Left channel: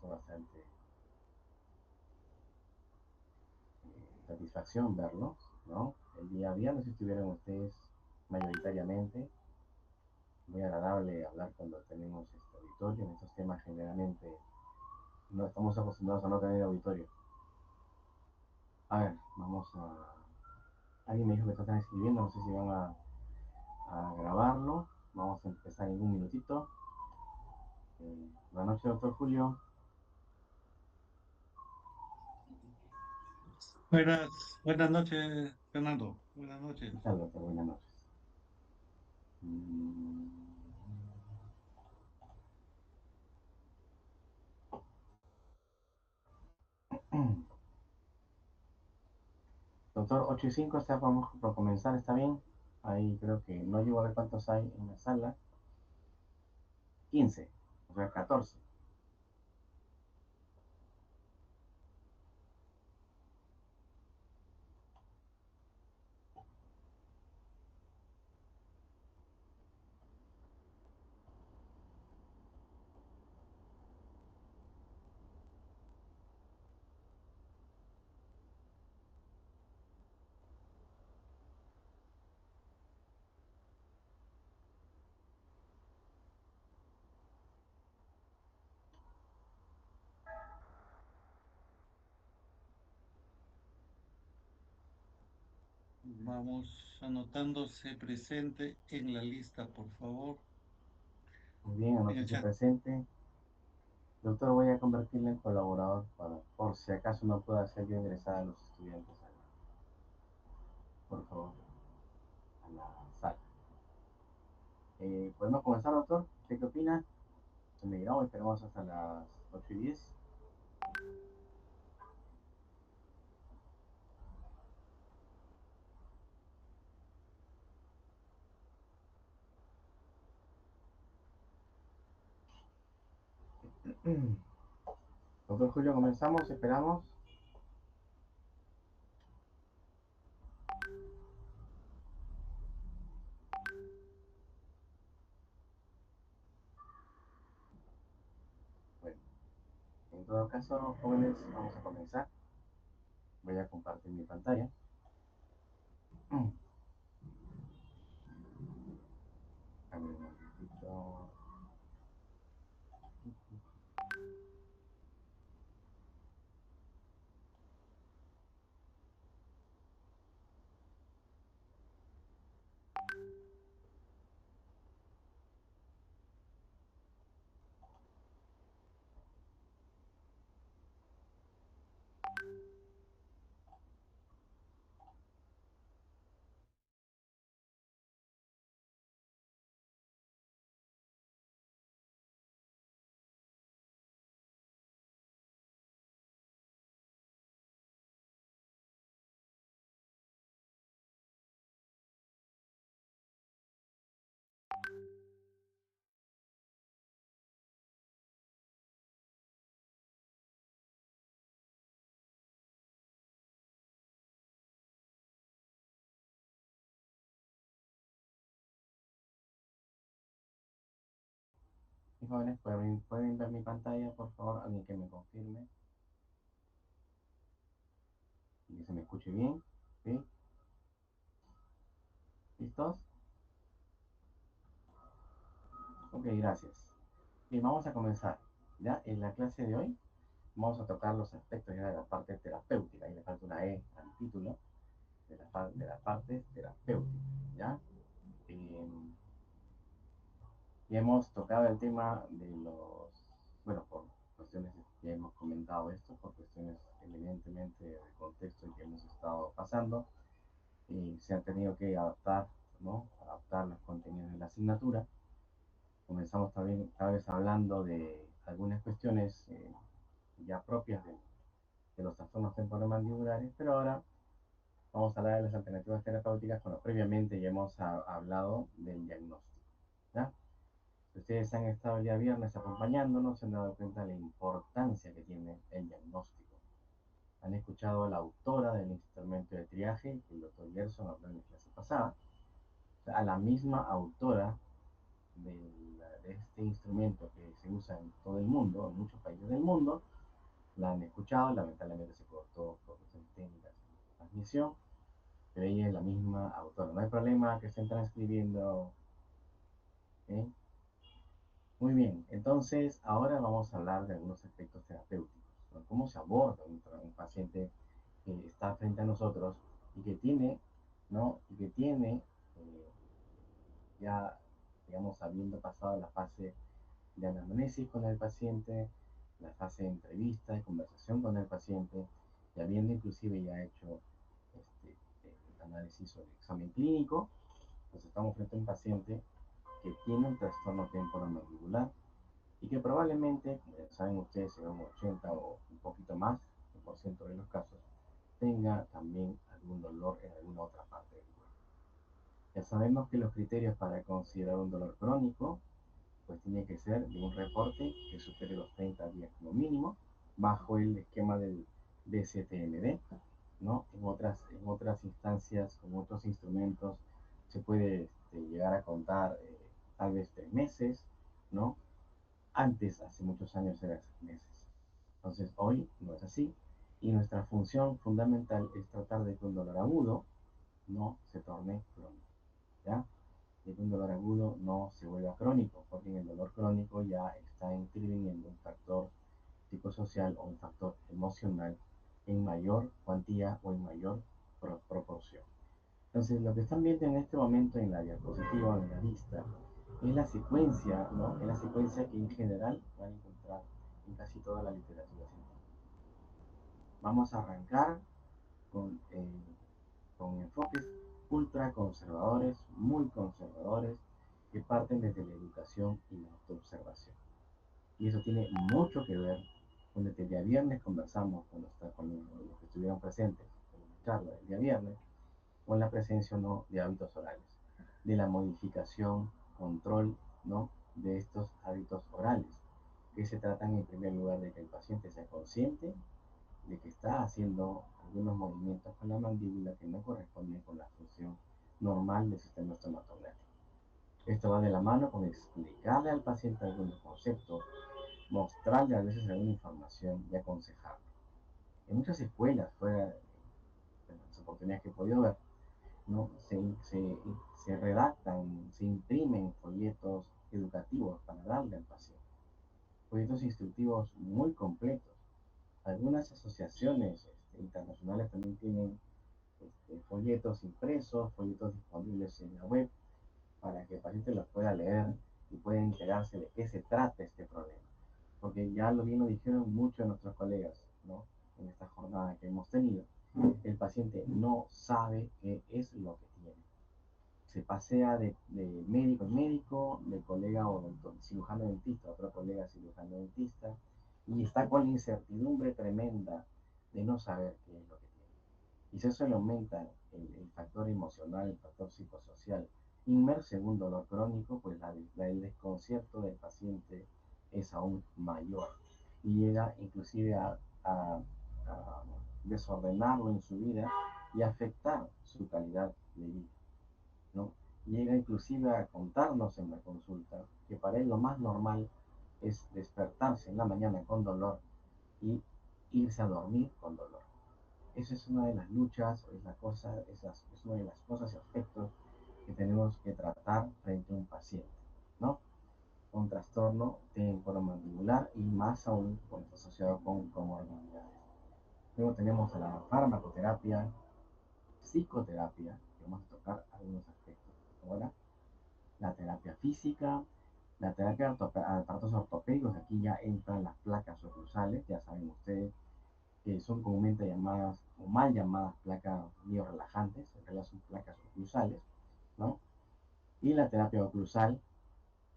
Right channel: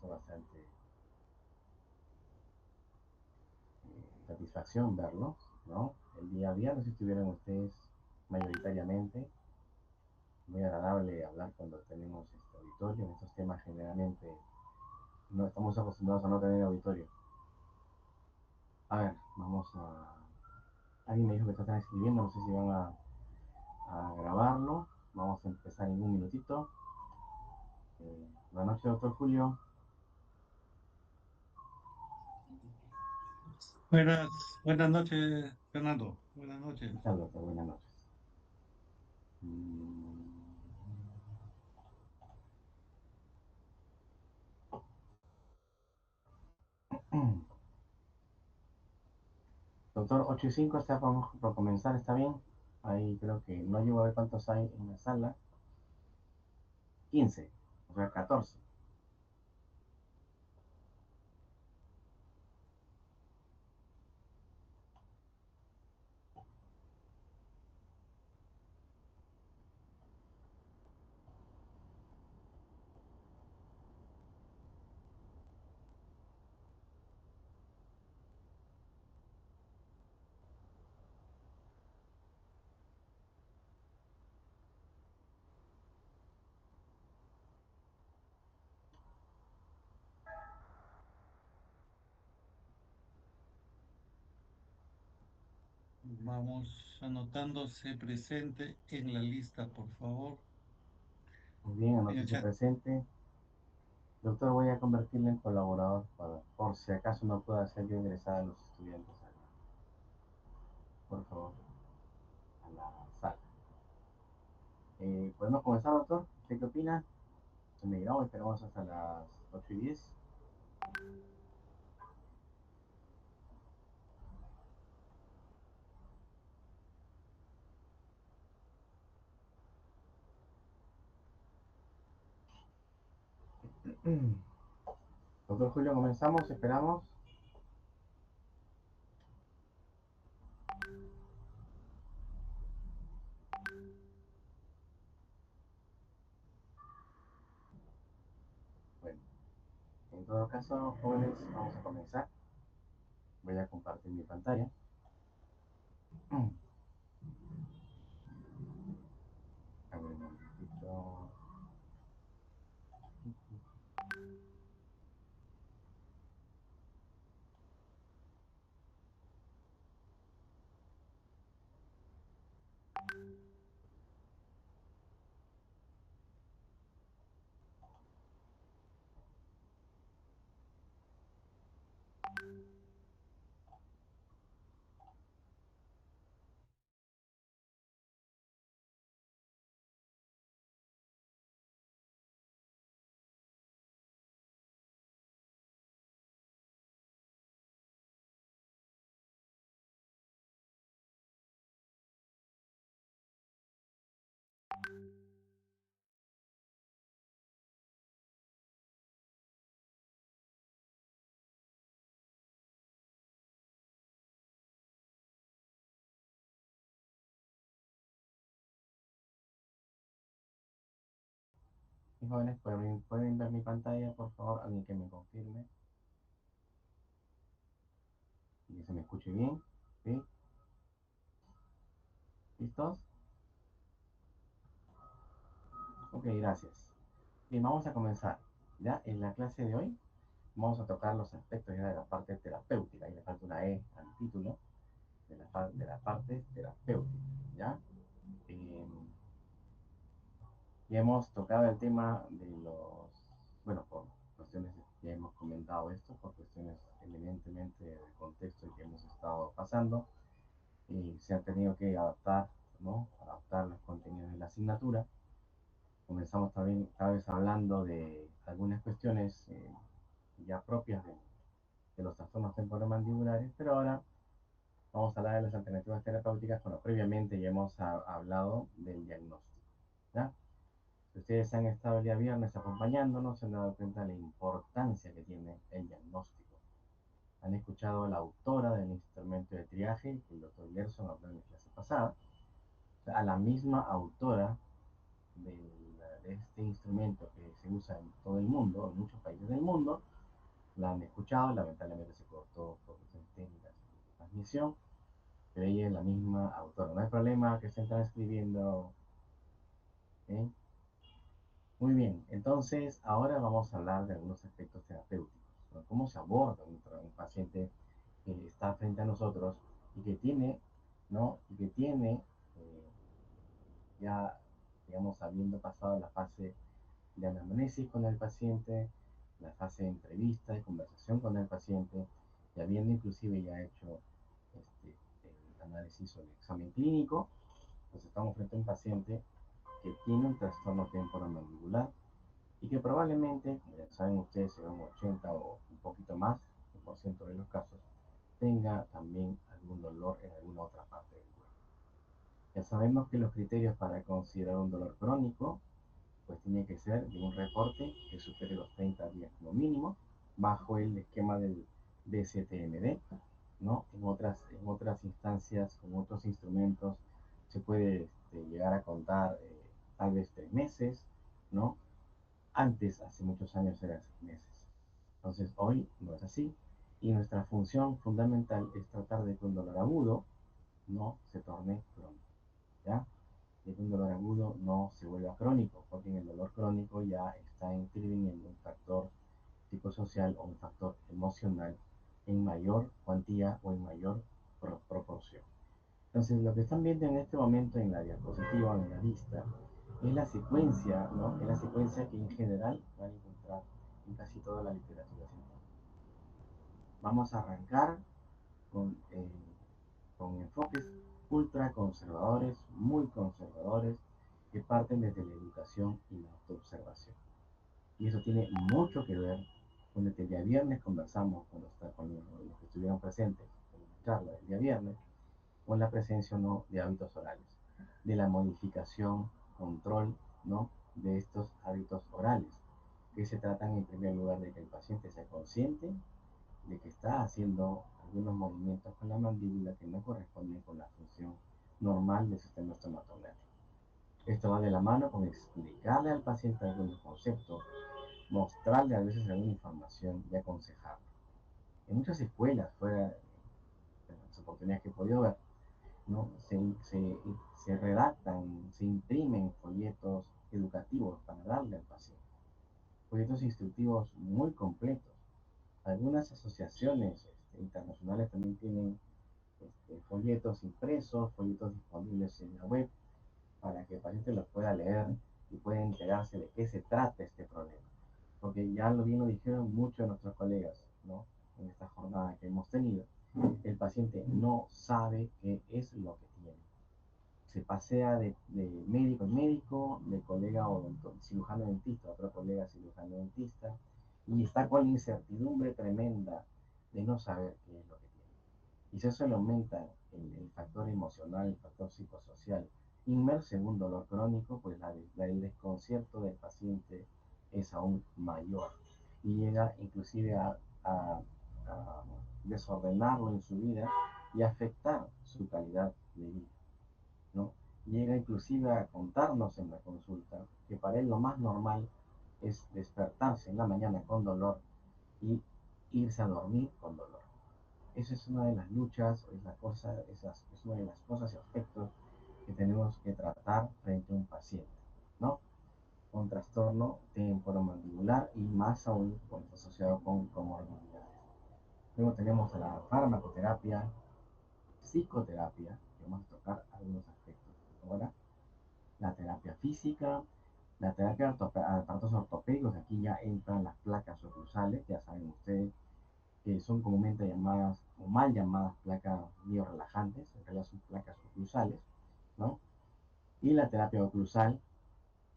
causa bastante satisfacción verlos, ¿no? El día viernes estuvieron ustedes mayoritariamente. Muy agradable hablar cuando tenemos este auditorio. En estos temas generalmente no estamos acostumbrados a no tener auditorio. A ver, vamos a... Alguien me dijo que están escribiendo, no sé si van a grabarlo. Vamos a empezar en un minutito. Buenas noches, doctor Julio. Buenas noches, Fernando. Buenas ¿Qué noches. tal, doctor? Buenas noches. Mm, Doctor, 8 y 5 está por comenzar, ¿está bien? Ahí creo que no llego a ver cuántos hay en la sala. 15, o sea, 14. Vamos anotándose presente en la lista, por favor, Muy bien, en el anótese chat. presente. Doctor, voy a convertirle en colaborador por si acaso no pueda hacer yo ingresar a los estudiantes por favor, a la sala. ¿Podemos comenzar, doctor? ¿Usted qué opina? Se me dirá, esperamos hasta las 8 y 10. Doctor Julio, comenzamos, esperamos. Bueno, en todo caso, jóvenes, vamos a comenzar. Voy a compartir mi pantalla. A ver, un momentito. Y jóvenes, ¿pueden ver mi pantalla, por favor? Alguien que me confirme y que se me escuche bien. ¿Sí? ¿Listos? Ok, gracias. Bien, vamos a comenzar. Ya en la clase de hoy vamos a tocar los aspectos ya de la parte terapéutica. Y le falta una E al título de la parte terapéutica. ¿Ya? Eh, ya hemos tocado el tema de los, bueno, por cuestiones, ya hemos comentado esto, por cuestiones evidentemente de contexto que hemos estado pasando, y se han tenido que adaptar, ¿no? Adaptar los contenidos de la asignatura. Comenzamos también, tal vez hablando de algunas cuestiones ya propias de los trastornos temporomandibulares, pero ahora vamos a hablar de las alternativas terapéuticas cuando previamente ya hemos hablado del diagnóstico. ¿Ya? Si ustedes han estado el día viernes acompañándonos, se han dado cuenta de la importancia que tiene el diagnóstico. Han escuchado a la autora del instrumento de triaje, que el doctor Gerson habló en la clase pasada, a la misma autora de este instrumento que se usa en todo el mundo, en muchos países del mundo, la han escuchado, lamentablemente se cortó por cuestiones técnicas de transmisión, pero ella es la misma autora. No hay problema que estén transcribiendo. ¿Eh? Muy bien, entonces ahora vamos a hablar de algunos aspectos terapéuticos, ¿no? Cómo se aborda un paciente que está frente a nosotros y que tiene, ¿no? Y que tiene, eh, ya, digamos, habiendo pasado la fase de anamnesis con el paciente, la fase de entrevista, de conversación con el paciente, y habiendo inclusive ya hecho este, el análisis o el examen clínico, pues estamos frente a un paciente que tiene un trastorno temporomandibular y que probablemente, como ya saben ustedes, en un 80 o un poquito más por ciento de los casos, tenga también algún dolor en alguna otra parte del cuerpo. Ya sabemos que los criterios para considerar un dolor crónico pues tiene que ser de un reporte que supere los 30 días como mínimo, bajo el esquema del DCTMD, ¿no? En otras instancias, con otros instrumentos, se puede llegar a contar tal vez 3 meses, ¿no? Antes, hace muchos años, era 6 meses. Entonces, hoy no es así. Y nuestra función fundamental es tratar de que un dolor agudo no se torne crónico, ¿ya? De que un dolor agudo no se vuelva crónico, porque en el dolor crónico ya está interviniendo un factor psicosocial o un factor emocional en mayor cuantía o en mayor proporción. Entonces, lo que están viendo en este momento en la diapositiva, en la vista, es la secuencia, ¿no? Es la secuencia que en general van a encontrar en casi toda la literatura científica. Vamos a arrancar con, eh, con enfoques ultra conservadores, muy conservadores, que parten desde la educación y la autoobservación. Y eso tiene mucho que ver con el que el día viernes conversamos con los que estuvieron presentes en la charla del día viernes, con la presencia o no de hábitos orales, de la modificación, control, ¿no? De estos hábitos orales, que se tratan en primer lugar de que el paciente sea consciente de que está haciendo algunos movimientos con la mandíbula que no corresponden con la función normal del sistema estomatognático. Esto va de la mano con explicarle al paciente algunos conceptos, mostrarle a veces alguna información y aconsejarlo. En muchas escuelas, fuera de las oportunidades que he podido ver, ¿no? Se redactan, se imprimen folletos educativos para darle al paciente, folletos instructivos muy completos. Algunas asociaciones internacionales también tienen folletos impresos, folletos disponibles en la web para que el paciente los pueda leer y pueda enterarse de qué se trata este problema. Porque ya lo bien lo dijeron muchos de nuestros colegas, ¿no? En esta jornada que hemos tenido, el paciente no sabe qué es lo que tiene. Se pasea de médico en médico, de colega o cirujano dentista a otro colega cirujano dentista, y está con la incertidumbre tremenda de no saber qué es lo que tiene. Y si eso le aumenta el factor emocional, el factor psicosocial, inmerso en un dolor crónico, pues el desconcierto del paciente es aún mayor y llega inclusive a desordenarlo en su vida y afectar su calidad de vida, ¿no? Llega inclusive a contarnos en la consulta que para él lo más normal es despertarse en la mañana con dolor y irse a dormir con dolor. Esa es una de las luchas, es una de las cosas y aspectos que tenemos que tratar frente a un paciente, ¿no? Con trastorno temporomandibular y más aún cuando está asociado con comorbilidades. Luego tenemos a la farmacoterapia, psicoterapia, que vamos a tocar algunos aspectos. Ahora, la terapia física, la terapia de aparatos ortopédicos, aquí ya entran las placas oclusales, ya saben ustedes que son comúnmente llamadas o mal llamadas placas biorelajantes, en realidad son placas oclusales, ¿no? Y la terapia oclusal,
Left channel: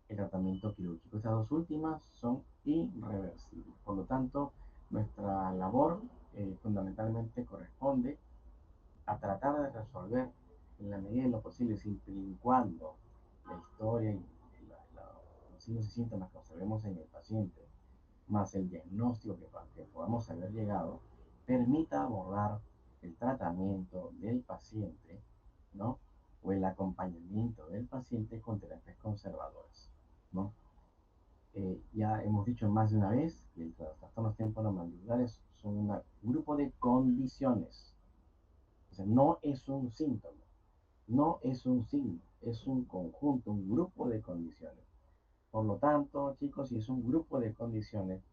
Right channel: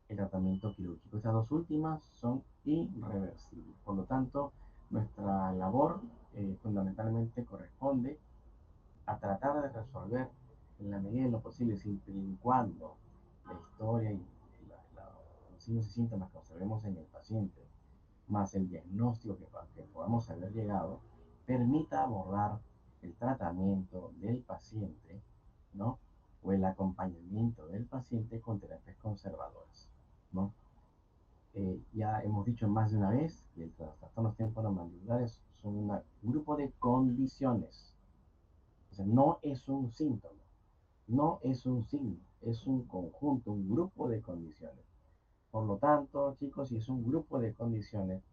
el tratamiento quirúrgico. Estas dos últimas son irreversibles. Por lo tanto, nuestra labor fundamentalmente corresponde a tratar de resolver en la medida de lo posible, siempre y cuando la historia y los signos y síntomas que observemos en el paciente, más el diagnóstico que podamos haber llegado, permita abordar el tratamiento del paciente, ¿no? O el acompañamiento del paciente con terapias conservadoras, ¿no? Ya hemos dicho más de una vez que los trastornos temporomandibulares son un grupo de condiciones. O sea, no es un síntoma, no es un signo, es un conjunto, un grupo de condiciones. Por lo tanto, chicos, si es un grupo de condiciones,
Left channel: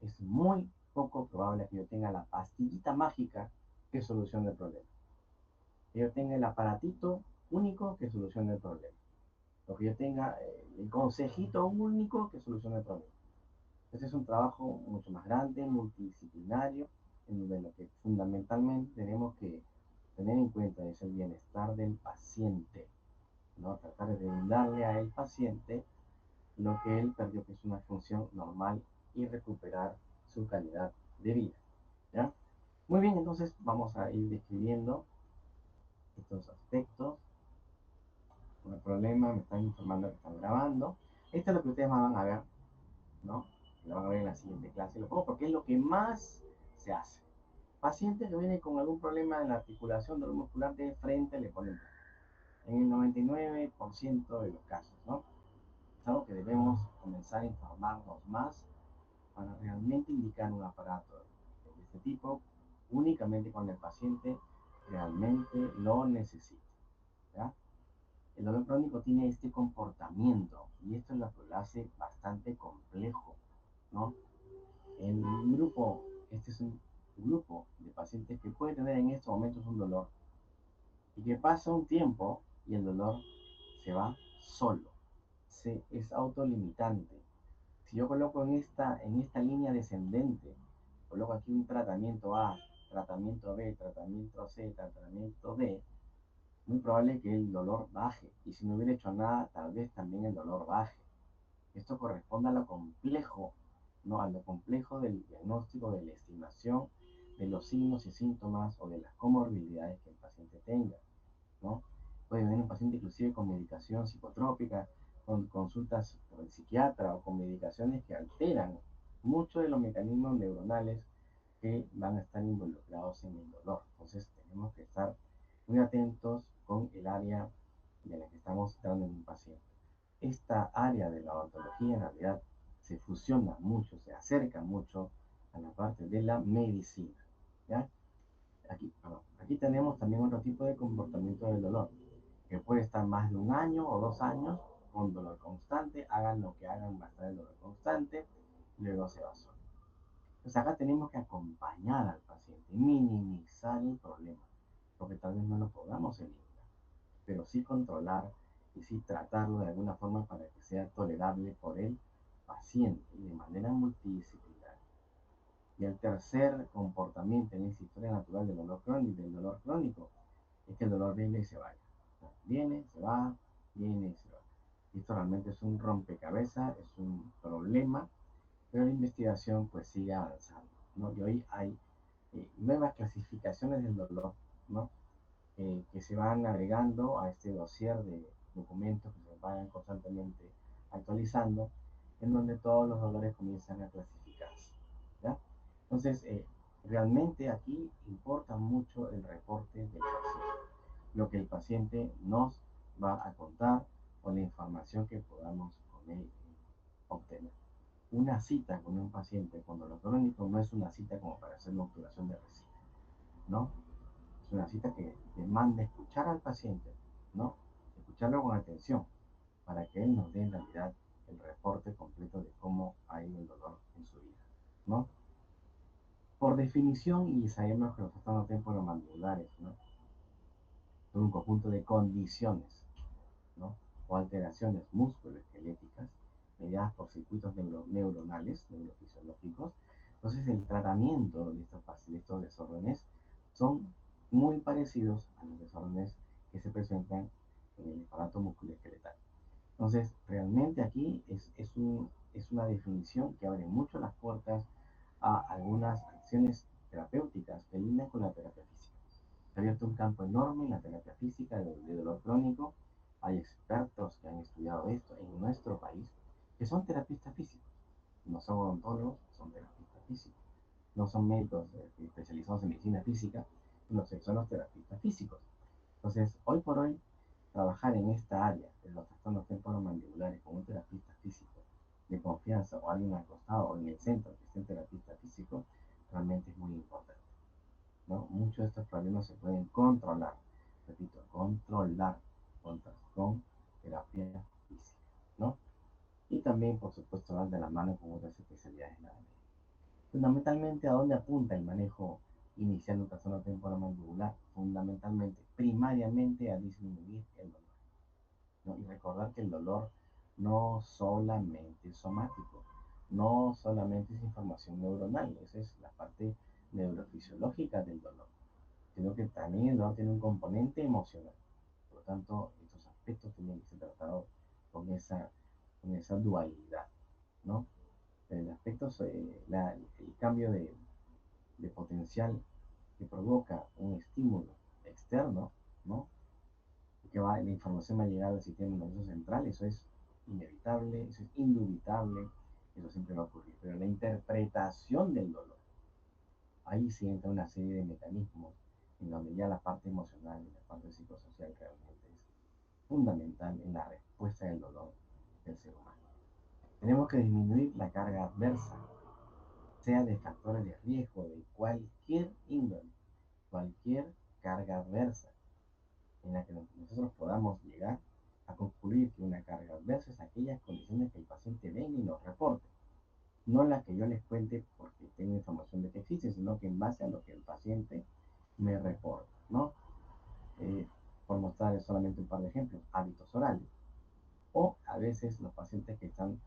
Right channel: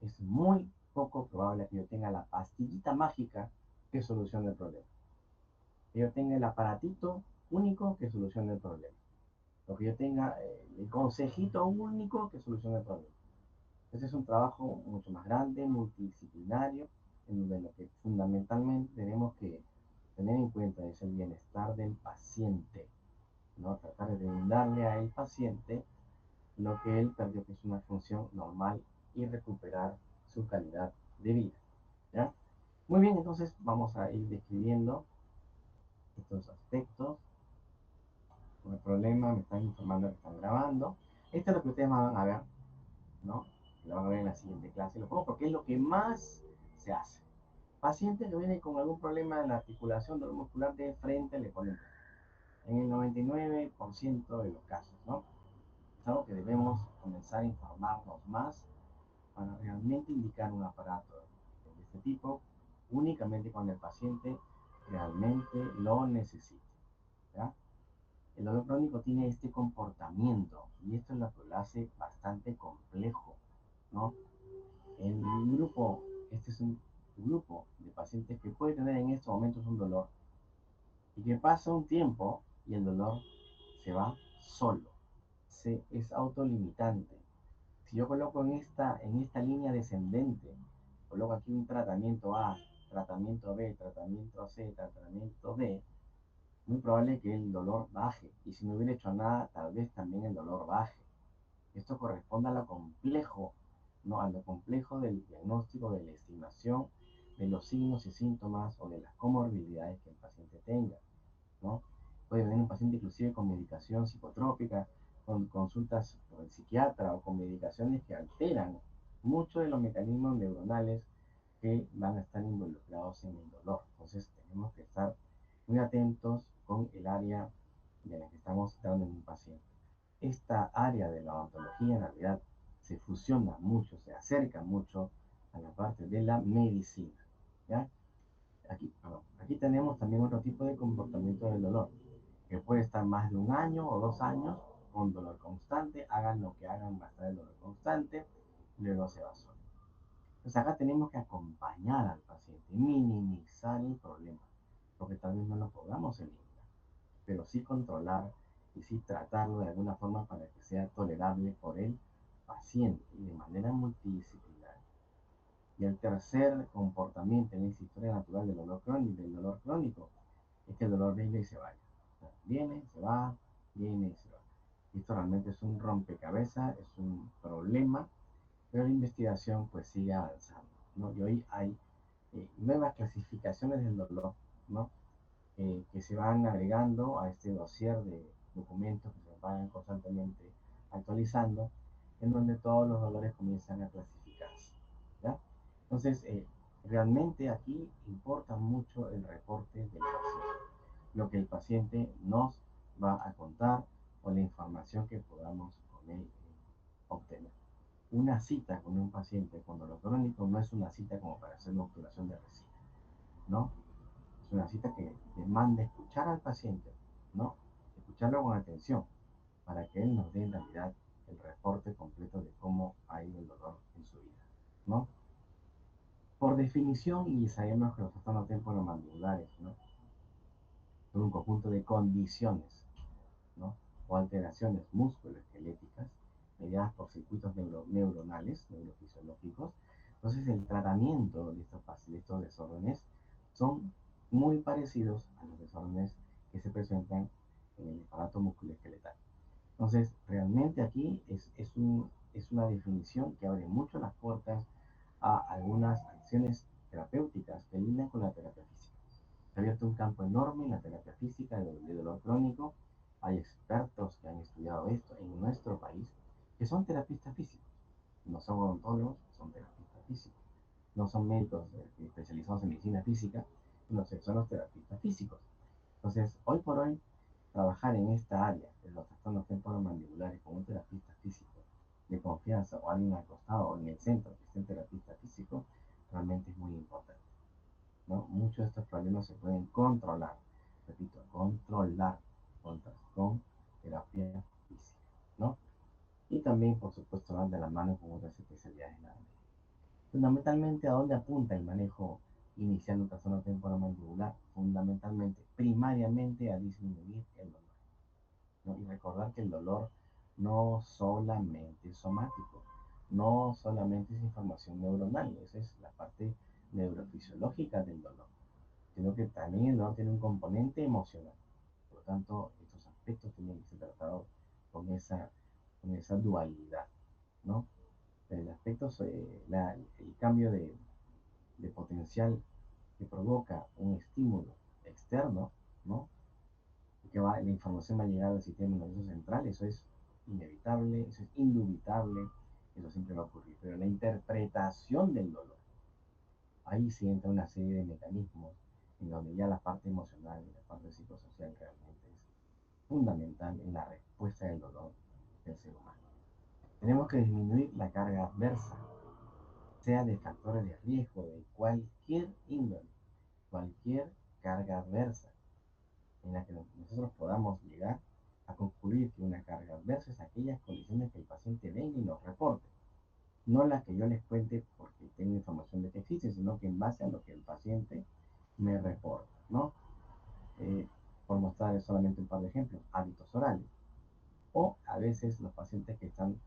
es muy poco probable que yo tenga la pastillita mágica que solucione el problema. Que yo tenga el aparatito único que solucione el problema. O que yo tenga el consejito único que solucione el problema. Este es un trabajo mucho más grande, multidisciplinario, en donde lo que fundamentalmente tenemos que tener en cuenta es el bienestar del paciente, ¿no? Tratar de brindarle al paciente lo que él perdió, que es una función normal, y recuperar su calidad de vida, ¿ya? Muy bien, entonces vamos a ir describiendo estos aspectos. No hay problema, me están informando que están grabando. Esto es lo que ustedes van a ver, ¿no? Lo van a ver en la siguiente clase. Lo pongo porque es lo que más se hace. Paciente que viene con algún problema en la articulación dolor muscular de frente, le ponen en el 99% de los casos, ¿no? Es algo que debemos comenzar a informarnos más para realmente indicar un aparato de este tipo únicamente cuando el paciente realmente lo necesite, ¿ya? El dolor crónico tiene este comportamiento y esto es lo que lo hace bastante complejo, ¿no? El grupo, este es un grupo de pacientes que puede tener en estos momentos un dolor y que pasa un tiempo y el dolor se va solo, es autolimitante. Si yo coloco en esta línea descendente, coloco aquí un tratamiento A, tratamiento B, tratamiento C, tratamiento D, muy probable que el dolor baje. Y si no hubiera hecho nada, tal vez también el dolor baje. Esto corresponde a lo complejo, ¿no? A lo complejo del diagnóstico, de la estimación de los signos y síntomas o de las comorbilidades que el paciente tenga, ¿no? Puede venir un paciente inclusive con medicación psicotrópica, con consultas con el psiquiatra o con medicaciones que alteran muchos de los mecanismos neuronales que van a estar involucrados en el dolor. Entonces tenemos que estar muy atentos con el área de la que estamos tratando en un paciente. Esta área de la odontología en realidad se fusiona mucho, se acerca mucho a la parte de la medicina, ¿ya? Aquí tenemos también otro tipo de comportamiento del dolor, que puede estar más de un año o 2 años con dolor constante, hagan lo que hagan, va a estar el dolor constante, luego se va solo. Entonces acá tenemos que acompañar al paciente, minimizar el problema, porque tal vez no lo podamos eliminar, pero sí controlar y sí tratarlo de alguna forma para que sea tolerable por el paciente y de manera multidisciplinaria. Y el tercer comportamiento en esta historia natural del dolor crónico es que el dolor venga y se vaya. O sea, viene, se va, viene y se va. Y esto realmente es un rompecabezas, es un problema, pero la investigación pues sigue avanzando, ¿no? Y hoy hay nuevas clasificaciones del dolor, ¿no? Que se van agregando a este dossier de documentos que se van constantemente actualizando, en donde todos los dolores comienzan a clasificarse, ¿ya? Entonces, realmente aquí importa mucho el reporte del paciente, lo que el paciente nos va a contar o la información que podamos con él obtener. Una cita con un paciente con dolor crónico no es una cita como para hacer una obturación de resina, ¿no? Es una cita que demanda escuchar al paciente, ¿no? Escucharlo con atención para que él nos dé en realidad el reporte completo de cómo ha ido el dolor en su vida, ¿no? Por definición, y sabemos que los trastornos temporomandibulares, ¿no? Son un conjunto de condiciones, ¿no? O alteraciones musculoesqueléticas mediadas por circuitos neuronales, neurofisiológicos. Entonces, el tratamiento de estos desórdenes son muy parecidos a los desórdenes que se presentan en el aparato musculoesqueletal. Entonces, realmente aquí es una definición que abre mucho las puertas a algunas acciones terapéuticas que lindan con la terapia física. Se ha abierto un campo enorme en la terapia física de dolor crónico. Hay expertos que han estudiado esto en nuestro país, que son terapistas físicos. No son odontólogos, son terapistas físicos. No son médicos especializados en medicina física, sino que son los terapistas físicos. Entonces, hoy por hoy, trabajar en esta área de los trastornos temporomandibulares con un terapista físico de confianza o alguien acostado o en el centro que esté el terapista físico, realmente es muy importante, ¿no? Muchos de estos problemas se pueden controlar, repito, controlar con terapia física, ¿no? Y también, por supuesto, van de la mano con otras especialidades en la área. Fundamentalmente, ¿a dónde apunta el manejo inicial de trastorno temporomandibular? Fundamentalmente, primariamente a disminuir el dolor, ¿no? Y recordar que el dolor no solamente es somático, no solamente es información neuronal, esa es la parte neurofisiológica del dolor, sino que también el dolor tiene un componente emocional. Por lo tanto, estos aspectos tienen que ser tratados con con esa dualidad, ¿no? El aspecto, el cambio de potencial que provoca un estímulo externo, ¿no? La información va a llegar al sistema nervioso central, eso es inevitable, eso es indubitable, eso siempre va a ocurrir. Pero la interpretación del dolor, ahí sí entra una serie de mecanismos en donde ya la parte emocional y la parte psicosocial realmente es fundamental en la respuesta del dolor del ser humano. Tenemos que disminuir la carga adversa, sea de factores de riesgo de cualquier índole, cualquier carga adversa en la que nosotros podamos llegar a concluir que una carga adversa es aquellas condiciones que el paciente venga y nos reporte, no las que yo les cuente porque tengo información de que existen, sino que en base a lo que el paciente me reporta, ¿no? Eh, por mostrarles solamente un par de ejemplos, hábitos orales, o a veces los pacientes que están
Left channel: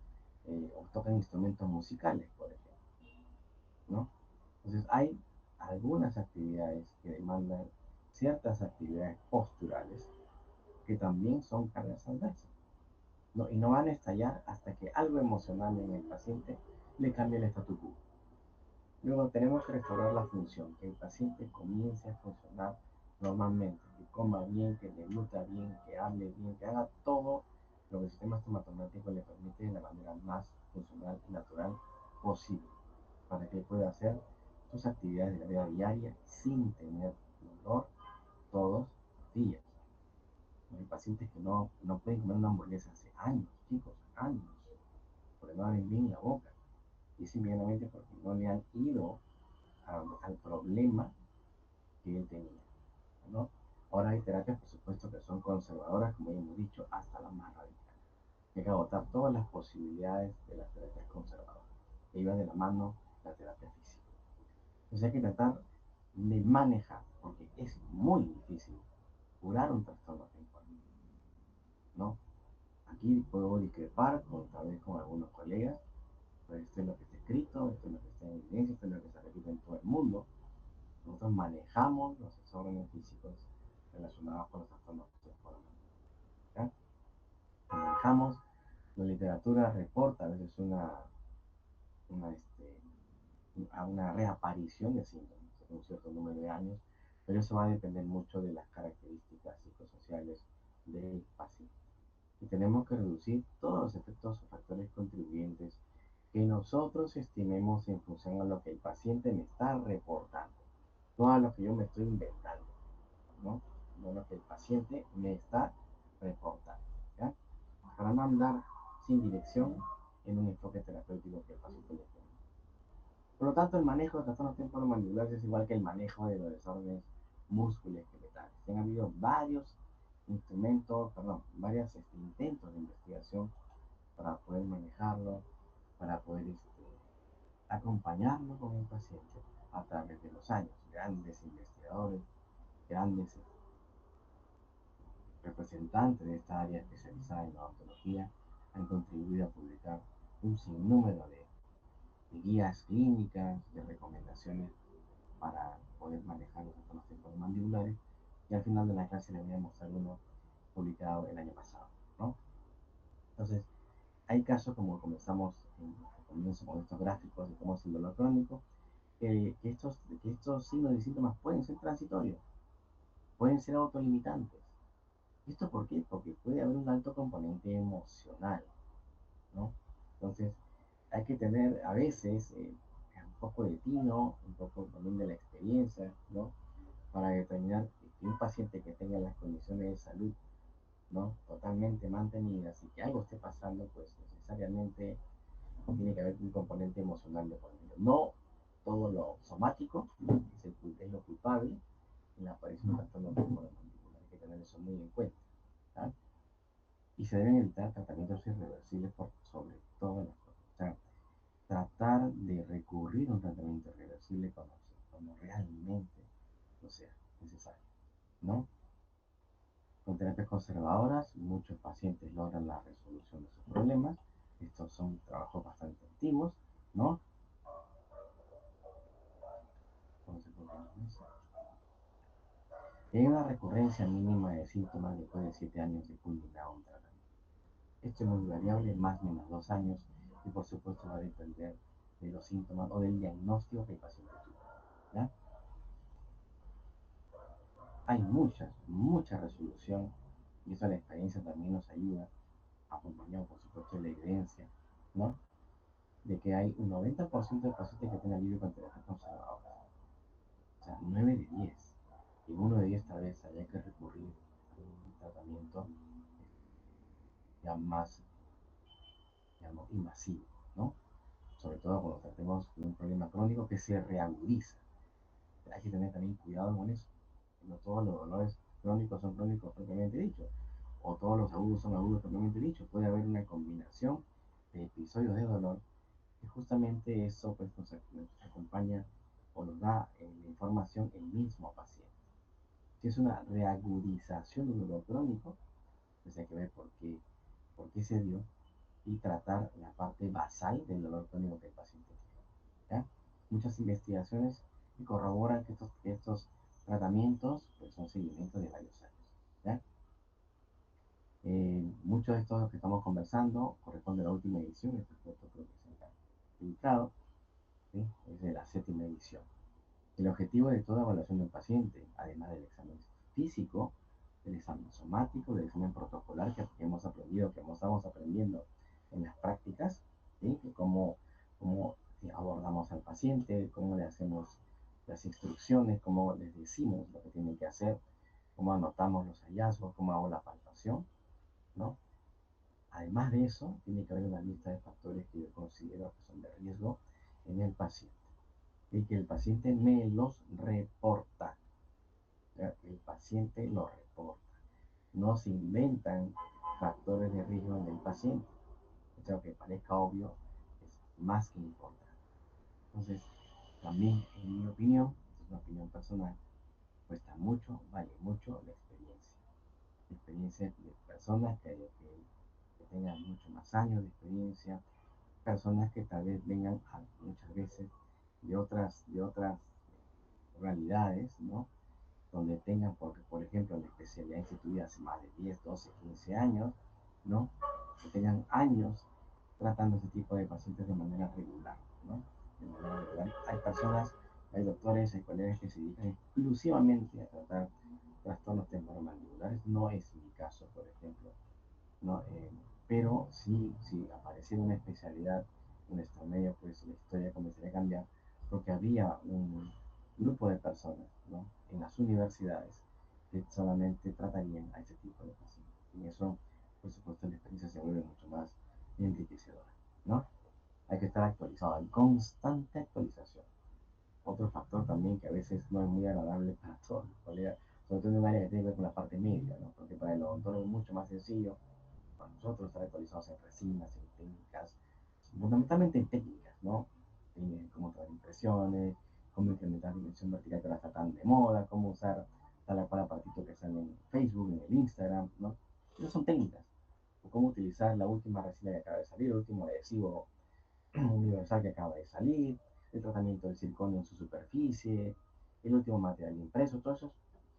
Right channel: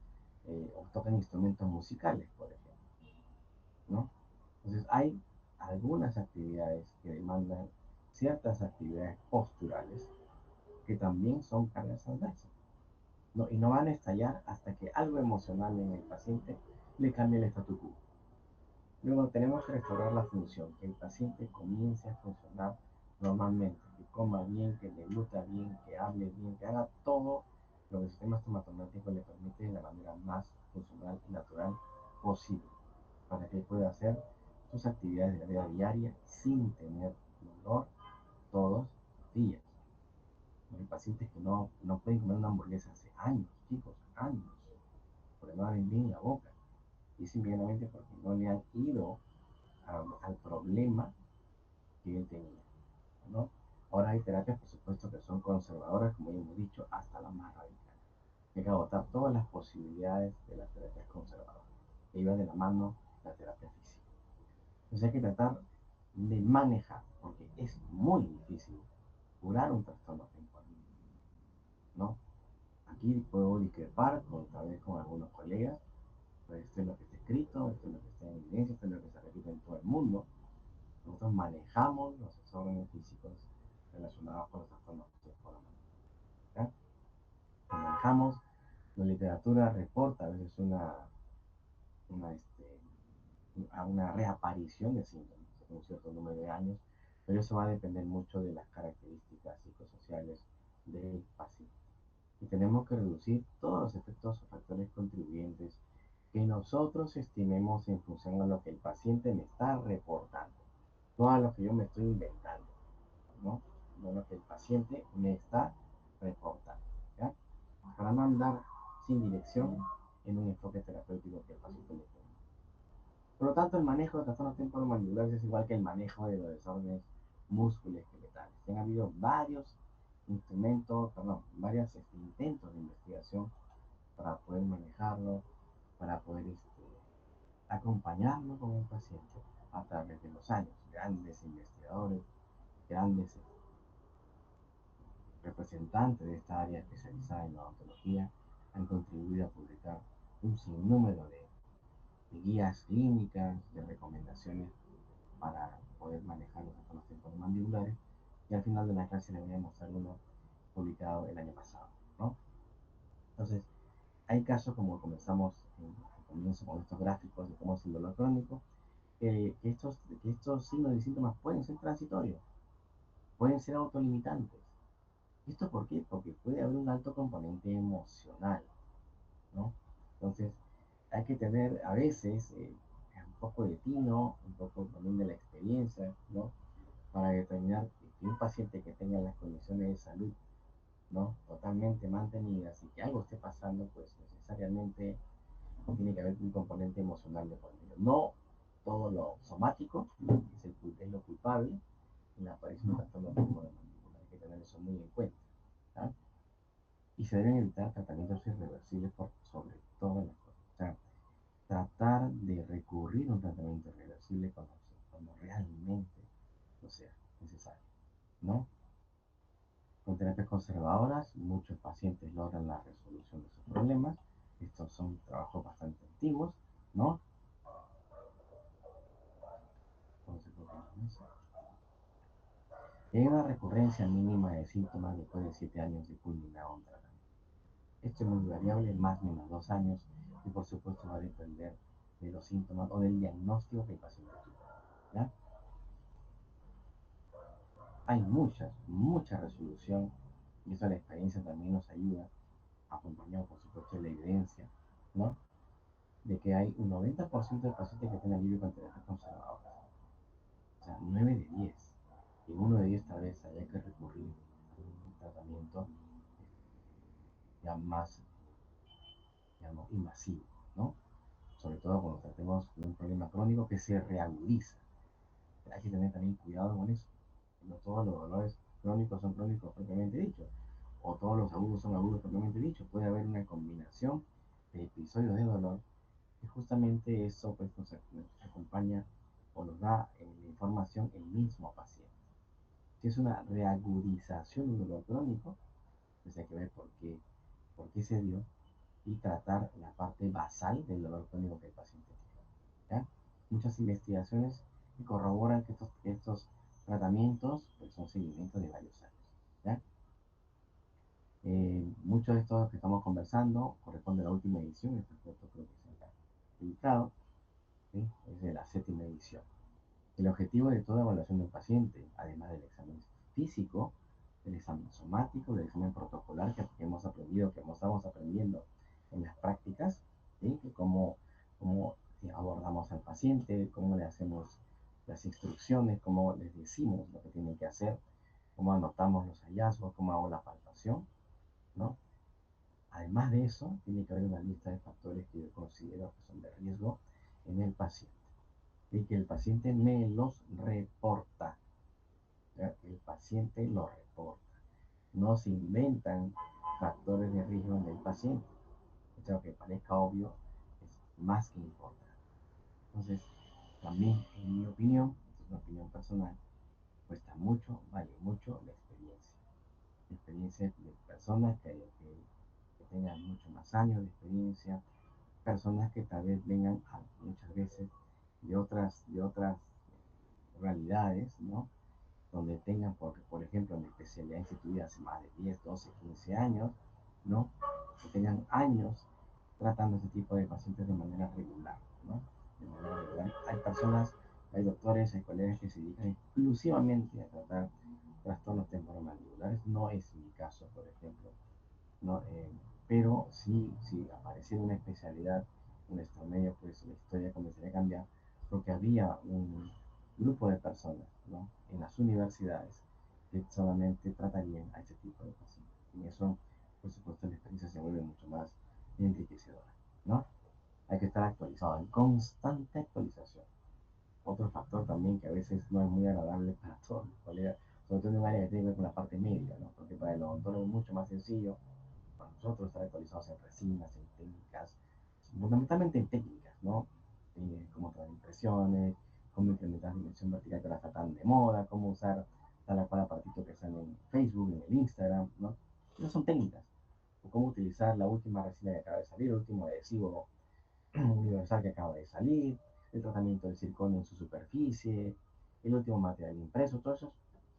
o tocan instrumentos musicales, por ejemplo, ¿no? Entonces hay algunas actividades que demandan ciertas actividades posturales que también son cargas adversas, ¿no? Y no van a estallar hasta que algo emocional en el paciente le cambie el statu quo. Luego tenemos que restaurar la función, que el paciente comience a funcionar normalmente, que coma bien, que le gusta bien, que hable bien, que haga todo lo que el sistema estomatológico le permite de la manera más funcional y natural posible, para que pueda hacer sus actividades de la vida diaria sin tener dolor todos los días. Hay pacientes que no pueden comer una hamburguesa hace años, chicos, años, porque no abren bien la boca. Y simplemente porque no le han ido al problema que él tenía, ¿no? Ahora hay terapias, por supuesto, que son conservadoras, como ya hemos dicho, hasta las más radicales. Hay que agotar todas las posibilidades de las terapias conservadoras. Que iba de la mano la terapia física. Entonces hay que tratar de manejar, porque es muy difícil curar un trastorno temporal, ¿no? Aquí puedo discrepar tal vez con algunos colegas, pues esto es lo que está escrito, esto es lo que está en evidencia, esto es lo que se repite en todo el mundo. Nosotros manejamos los desórdenes físicos relacionados con los trastornos temporales, ¿ya? Lo manejamos, la literatura reporta a veces una, una reaparición de síntomas en un cierto número de años, pero eso va a depender mucho de las características psicosociales del paciente. Y tenemos que reducir todos los efectos o factores contribuyentes que nosotros estimemos en función a lo que el paciente me está reportando, no a lo que yo me estoy inventando, ¿no? No a lo que el paciente me está reportando, ¿ya? Para no andar sin dirección en un enfoque terapéutico que el paciente le tiene. Por lo tanto, el manejo de trastornos temporomandibulares es igual que el manejo de los desórdenes musculoesqueletales. Han habido varios instrumentos, perdón, varios intentos de investigación para poder manejarlo, para poder acompañarlo con el paciente a través de los años. Grandes investigadores, grandes representantes de esta área especializada en odontología han contribuido a publicar un sinnúmero de guías clínicas, de recomendaciones para poder manejar los trastornos temporomandibulares. Y al final de la clase les voy a mostrar uno publicado el año pasado, ¿no? Entonces, hay casos como comenzamos al comienzo con estos gráficos de cómo es el dolor crónico, que estos signos y síntomas pueden ser transitorios, pueden ser autolimitantes. ¿Esto por qué? Porque puede haber un alto componente emocional, ¿no? Entonces, hay que tener a veces un poco de tino, un poco también de la experiencia, ¿no? Para determinar que un paciente que tenga las condiciones de salud, ¿no? Totalmente mantenidas y que algo esté pasando, pues necesariamente tiene que haber un componente emocional de por medio. No todo lo somático es lo culpable en la aparición de trastorno temporomandibular. Hay que tener eso muy en cuenta. ¿Ah? Y se deben evitar tratamientos irreversibles por sobre todas las cosas. O sea, tratar de recurrir a un tratamiento irreversible cuando realmente no sea necesario, ¿no? Con terapias conservadoras, muchos pacientes logran la resolución de sus problemas. Estos son trabajos bastante antiguos, ¿no? Hay una recurrencia mínima de síntomas después de 7 años de culminado un tratamiento. Esto es muy variable, más o menos 2 años, y por supuesto va a depender de los síntomas o del diagnóstico que el paciente tuvo. ¿Ya? Hay mucha resolución, y eso la experiencia también nos ayuda, acompañado por supuesto de la evidencia, ¿no? De que hay un 90% de pacientes que tienen alivio con terapias conservadoras. O sea, 9 de 10. Y en 1 de 10 tal vez haya que recurrir a un tratamiento ya más, digamos, invasivo, ¿no? Sobre todo cuando tratemos de un problema crónico que se reagudiza. Hay que tener también cuidado con eso. No todos los dolores crónicos son crónicos propiamente dicho, o todos los agudos son agudos propiamente dicho. Puede haber una combinación de episodios de dolor y justamente eso pues, nos acompaña o nos da la información el mismo paciente. Si es una reagudización de un dolor crónico, pues hay que ver por qué se dio y tratar la parte basal del dolor crónico que el paciente tiene. ¿Ya? Muchas investigaciones corroboran que estos tratamientos pues, son seguimientos de varios años. ¿Ya? Muchos de estos que estamos conversando corresponde a la última edición, esta foto creo que se ha publicado, ¿sí? Es de la 7ª edición. El objetivo de toda evaluación de un paciente, además del examen físico, del examen somático, del examen protocolar que hemos aprendido, que estamos aprendiendo en las prácticas, ¿sí? Cómo abordamos al paciente, cómo le hacemos las instrucciones, cómo les decimos lo que tienen que hacer, cómo anotamos los hallazgos, cómo hago la palpación, ¿no? Además de eso, tiene que haber una lista de factores que yo considero que son de riesgo en el paciente y que el paciente me los reporta. El paciente lo reporta. No se inventan factores de riesgo en el paciente. O sea, que parezca obvio, es más que importante. Entonces, también, en mi opinión, es una opinión personal, cuesta mucho, vale mucho la experiencia. La experiencia de personas que tengan mucho más años de experiencia, personas que tal vez vengan muchas veces de otras realidades, ¿no? Donde tengan, porque por ejemplo, la especialidad instituida hace más de 10 12 15 años, ¿no? Que tengan años tratando este tipo de pacientes de manera regular, ¿no? De manera regular. Hay personas, hay doctores, hay colegas que se dedican exclusivamente a tratar trastornos temporomandibulares. No es mi caso, por ejemplo, ¿no? Pero si apareciera una especialidad en nuestro medio, pues la historia comenzaría a cambiar, porque había un grupo de personas, ¿no? En las universidades que solamente tratarían a ese tipo de pacientes. Y eso, por supuesto, la experiencia se vuelve mucho más enriquecedora, ¿no? Hay que estar actualizado, en constante actualización. Otro factor también que a veces no es muy agradable para todos los colegas, sobre todo en un área que tiene que ver con la parte médica, ¿no? Porque para el odontólogo es mucho más sencillo para nosotros estar actualizados en resinas, en técnicas, fundamentalmente en técnicas, ¿no? Cómo traer impresiones, cómo implementar dimensión vertical que ahora está tan de moda, cómo usar tal o cual aparatito que están en Facebook, en el Instagram, ¿no? Esas son técnicas. O cómo utilizar la última resina que acaba de salir, el último adhesivo universal que acaba de salir, el tratamiento del circonio en su superficie, el último material impreso, todo eso